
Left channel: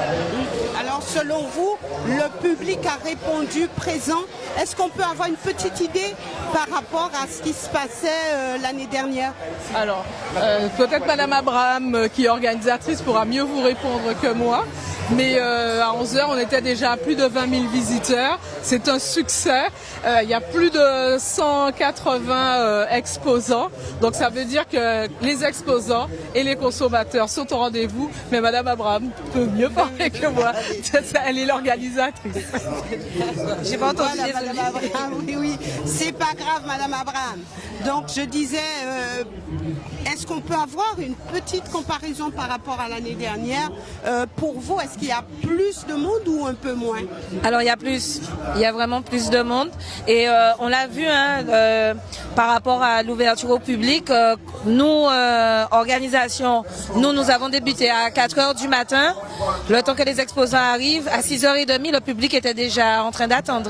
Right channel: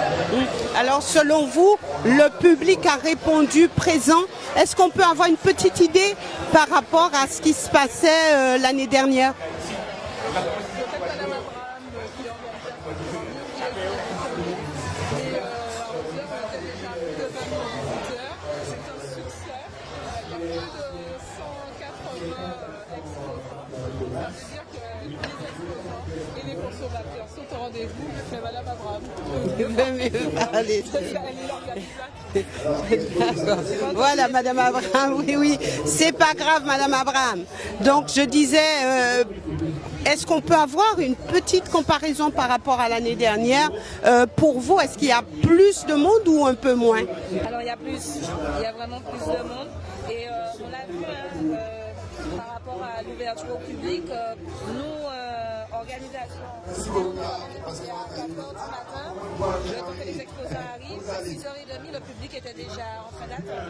Alors selon vous, le public a répondu présent. Est-ce qu'on peut avoir une petite idée par rapport à ce qui se passait l'année dernière? Alors, peut-être Madame Abraham, qui est organisatrice, pourra mieux vous répondre que moi. Mais à 11h, on était déjà à plus de 20 000 visiteurs. C'est un succès. Il y a plus de 180 exposants. Donc ça veut dire que les exposants et les consommateurs sont au rendez-vous. Mais Madame Abraham peut mieux parler que moi. Elle est l'organisatrice. Voilà, Madame Abraham, oui. C'est pas grave, Madame Abraham. Donc je disais, est-ce qu'on peut avoir une petite comparaison par rapport à l'année dernière? Pour vous, est-ce qu'il y a plus de monde ou un peu moins? Alors il y a plus, il y a vraiment plus de monde et on l'a vu par rapport à l'ouverture au public. Nous, organisation, nous avons débuté à 4h du matin. Le temps que les exposants arrivent, à 6h30, le public était déjà en train d'attendre.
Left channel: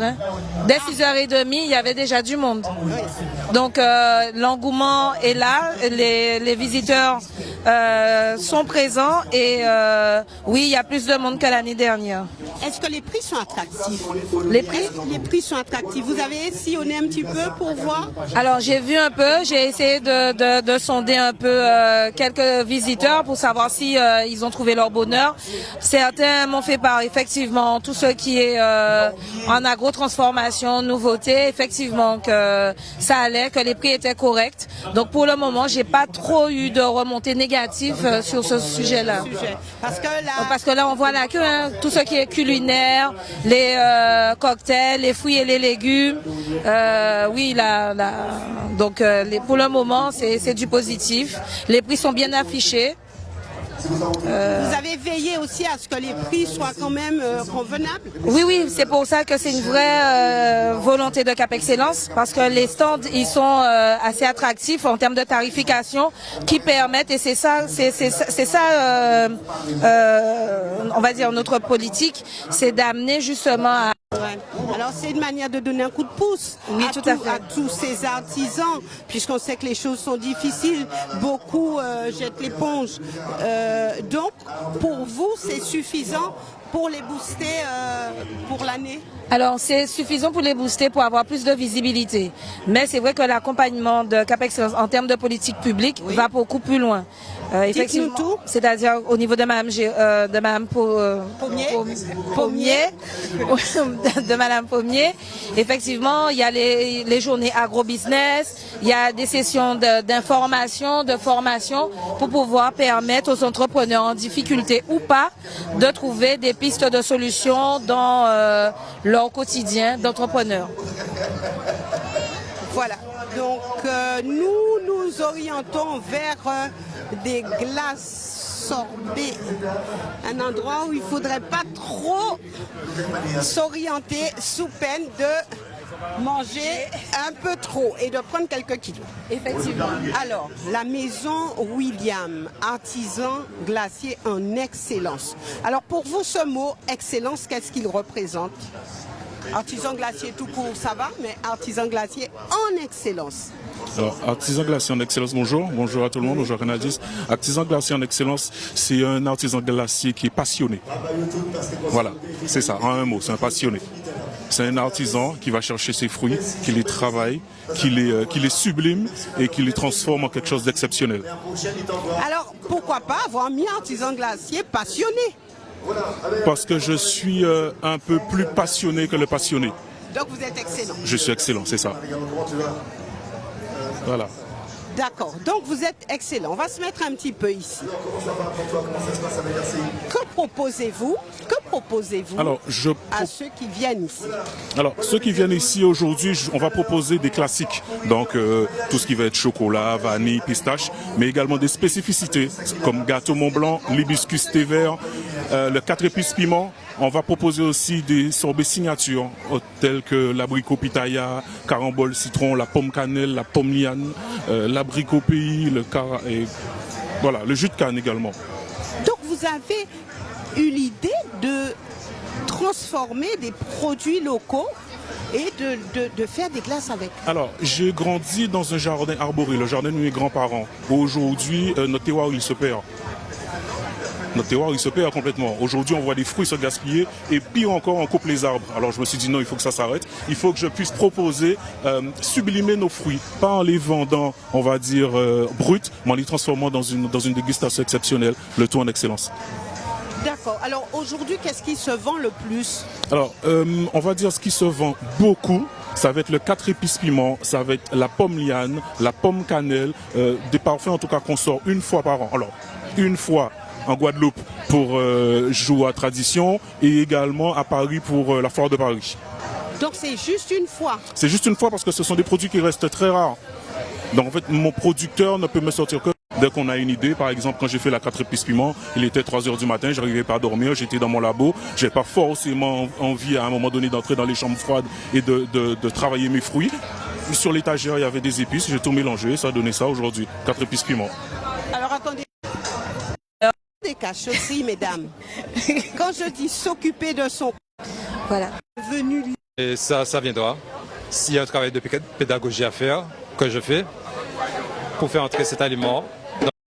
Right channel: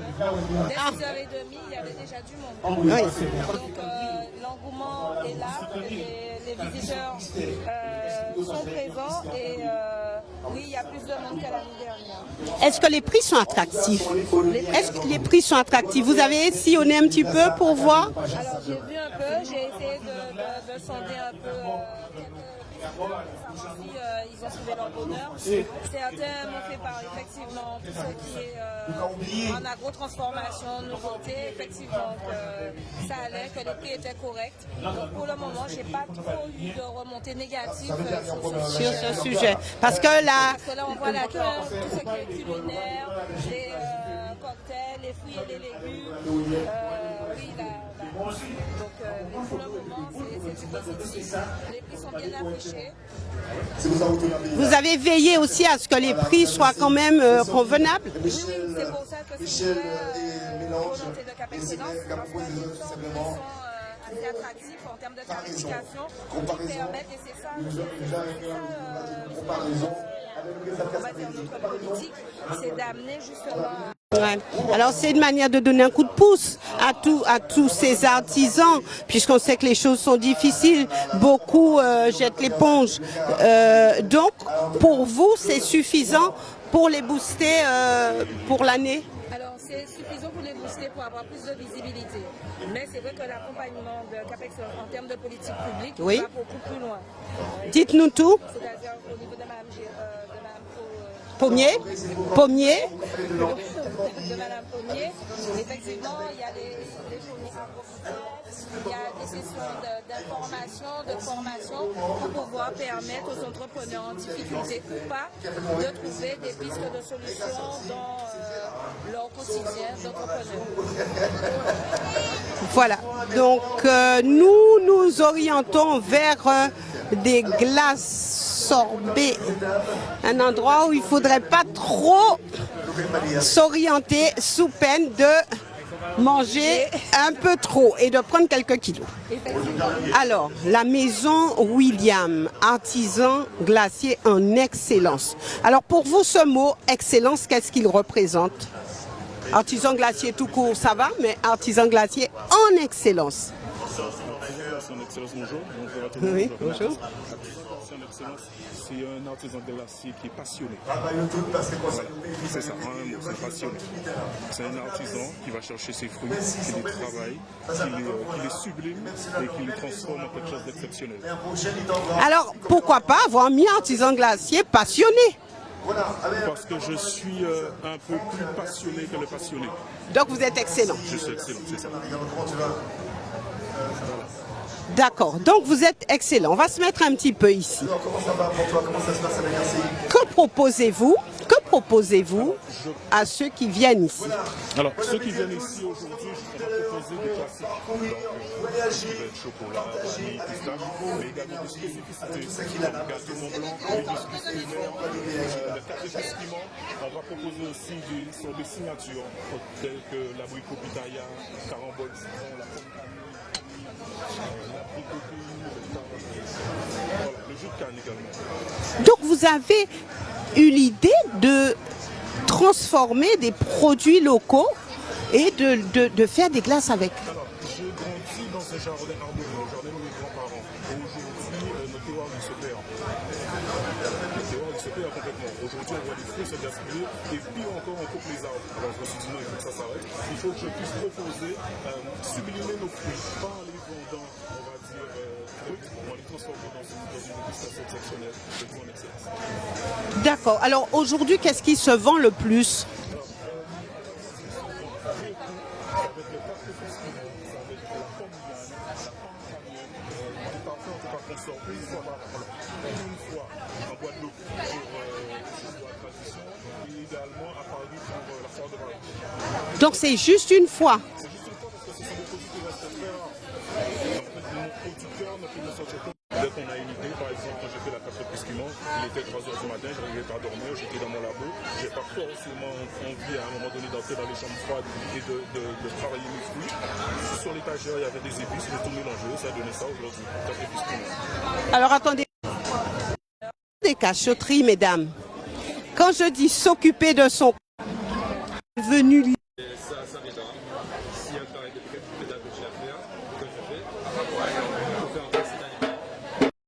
Dès 6h30, il y avait déjà du monde. Oui. Donc l'engouement est là, les visiteurs sont présents et oui, il y a plus de monde que l'année dernière. Est-ce que les prix sont attractifs? Est-ce que les prix sont attractifs? Vous avez sillonné un petit peu pour voir? Alors j'ai vu un peu, j'ai essayé de sonder un peu quelques visiteurs pour savoir si ils ont trouvé leur bonheur. Certains m'ont fait part, effectivement, tout ce qui est en agro-transformation, nouveauté, effectivement que ça allait, que les prix étaient corrects. Donc pour le moment, j'ai pas trop eu de remontée négative sur ce sujet-là. Parce que là, On voit là que tout ce qui est culinaire, les cocktails, les fruits et les légumes, oui, donc pour le moment, c'est du positif. Les prix sont bien affichés. Vous avez veillé aussi à ce que les prix soient quand même convenables? Oui, c'est pour ça que c'est une vraie volonté de Cap Excellence, parce que les stands, ils sont assez attractifs en termes de tarification qui permettent, et c'est ça, on va dire, notre politique, c'est d'amener justement à Ouais. Alors c'est une manière de donner un coup de pouce à tous ces artisans, puisqu'on sait que les choses sont difficiles, beaucoup jettent l'éponge. Donc pour vous c'est suffisant pour les booster pour l'année? Alors, c'est suffisant pour les booster pour avoir plus de visibilité. Mais c'est vrai que l'accompagnement de Cap Excellence en termes de politique publique va beaucoup plus loin. Dites-nous tout. C'est-à-dire au niveau de Madame Pommier. De Madame Pommier. Effectivement, il y a les journées agro-business, il y a des sessions d'information, de formation pour pouvoir permettre aux entrepreneurs en difficulté ou pas de trouver des pistes de solutions dans leur quotidien d'entrepreneur. Voilà, donc nous nous orientons vers des glaces sorbets, un endroit où il ne faudrait pas trop s'orienter sous peine de manger un peu trop et de prendre quelques kilos. Effectivement. Alors, la maison William, artisan glacier en excellence. Alors pour vous, ce mot excellence, qu'est-ce qu'il représente? Artisan glacier tout court, ça va, mais artisan glacier en excellence. Alors, artisan glacier en excellence, bonjour à tout le monde, bonjour Canadis. Artisan glacier en excellence, c'est un artisan glacier qui est passionné. Voilà, c'est ça, en un mot, c'est un passionné. C'est un artisan qui va chercher ses fruits, qui les travaille, qui les sublime et qui les transforme en quelque chose d'exceptionnel. Alors, pourquoi pas avoir mis artisan glacier passionné? Parce que je suis un peu plus passionné que le passionné. Donc vous êtes excellent. Je suis excellent, c'est ça. Voilà. D'accord, donc vous êtes excellent. On va se mettre un petit peu ici. Que proposez-vous à ceux qui viennent ici? Alors, ceux qui viennent ici aujourd'hui, on va proposer des classiques. Donc, tout ce qui va être chocolat, vanille, pistache, mais également des spécificités comme gâteau Mont Blanc, l'hibiscus thé vert, le 4 épices piment. On va proposer aussi des sorbets signatures tels que l'abricot pitaya, carambole citron, la pomme cannelle, la pomme liane, l'abricot pays, voilà, le jus de canne également. Donc vous avez eu l'idée de transformer des produits locaux et de faire des glaces avec? Alors, j'ai grandi dans un jardin arboré, le jardin de mes grands-parents. Aujourd'hui, notre terroir, il se perd. Notre terroir, il se perd complètement. Aujourd'hui, on voit des fruits se gaspiller et pire encore, on coupe les arbres. Alors, je me suis dit non, il faut que ça s'arrête. Il faut que je puisse proposer, sublimer nos fruits, pas en les vendant, on va dire, bruts, mais en les transformant dans une dégustation exceptionnelle, le tout en excellence. D'accord. Alors, aujourd'hui, qu'est-ce qui se vend le plus? Alors, on va dire ce qui se vend beaucoup. Ça va être le 4 épices piment, ça va être la pomme liane, la pomme cannelle, des parfums en tout cas qu'on sort une fois par an. Alors, une fois en Guadeloupe pour Joua Tradition et également à Paris pour la Foire de Paris. Donc c'est juste une fois? C'est juste une fois parce que ce sont des produits qui restent très rares. Donc en fait, mon producteur ne peut me sortir que dès qu'on a une idée. Par exemple, quand j'ai fait la 4 épices piment, il était 3 h du matin, je n'arrivais pas à dormir, j'étais dans mon labo. Je n'avais pas forcément envie à un moment donné d'entrer dans les chambres froides et de travailler mes fruits. Sur l'étagère, il y avait des épices, j'ai tout mélangé, ça a donné ça aujourd'hui, 4 épices piment. Alors attendez, des cachotteries, mesdames. Quand je dis s'occuper de son... Voilà. Venu... Et ça viendra. S'il y a un travail de pédagogie à faire, que je fais, pour faire entrer cet aliment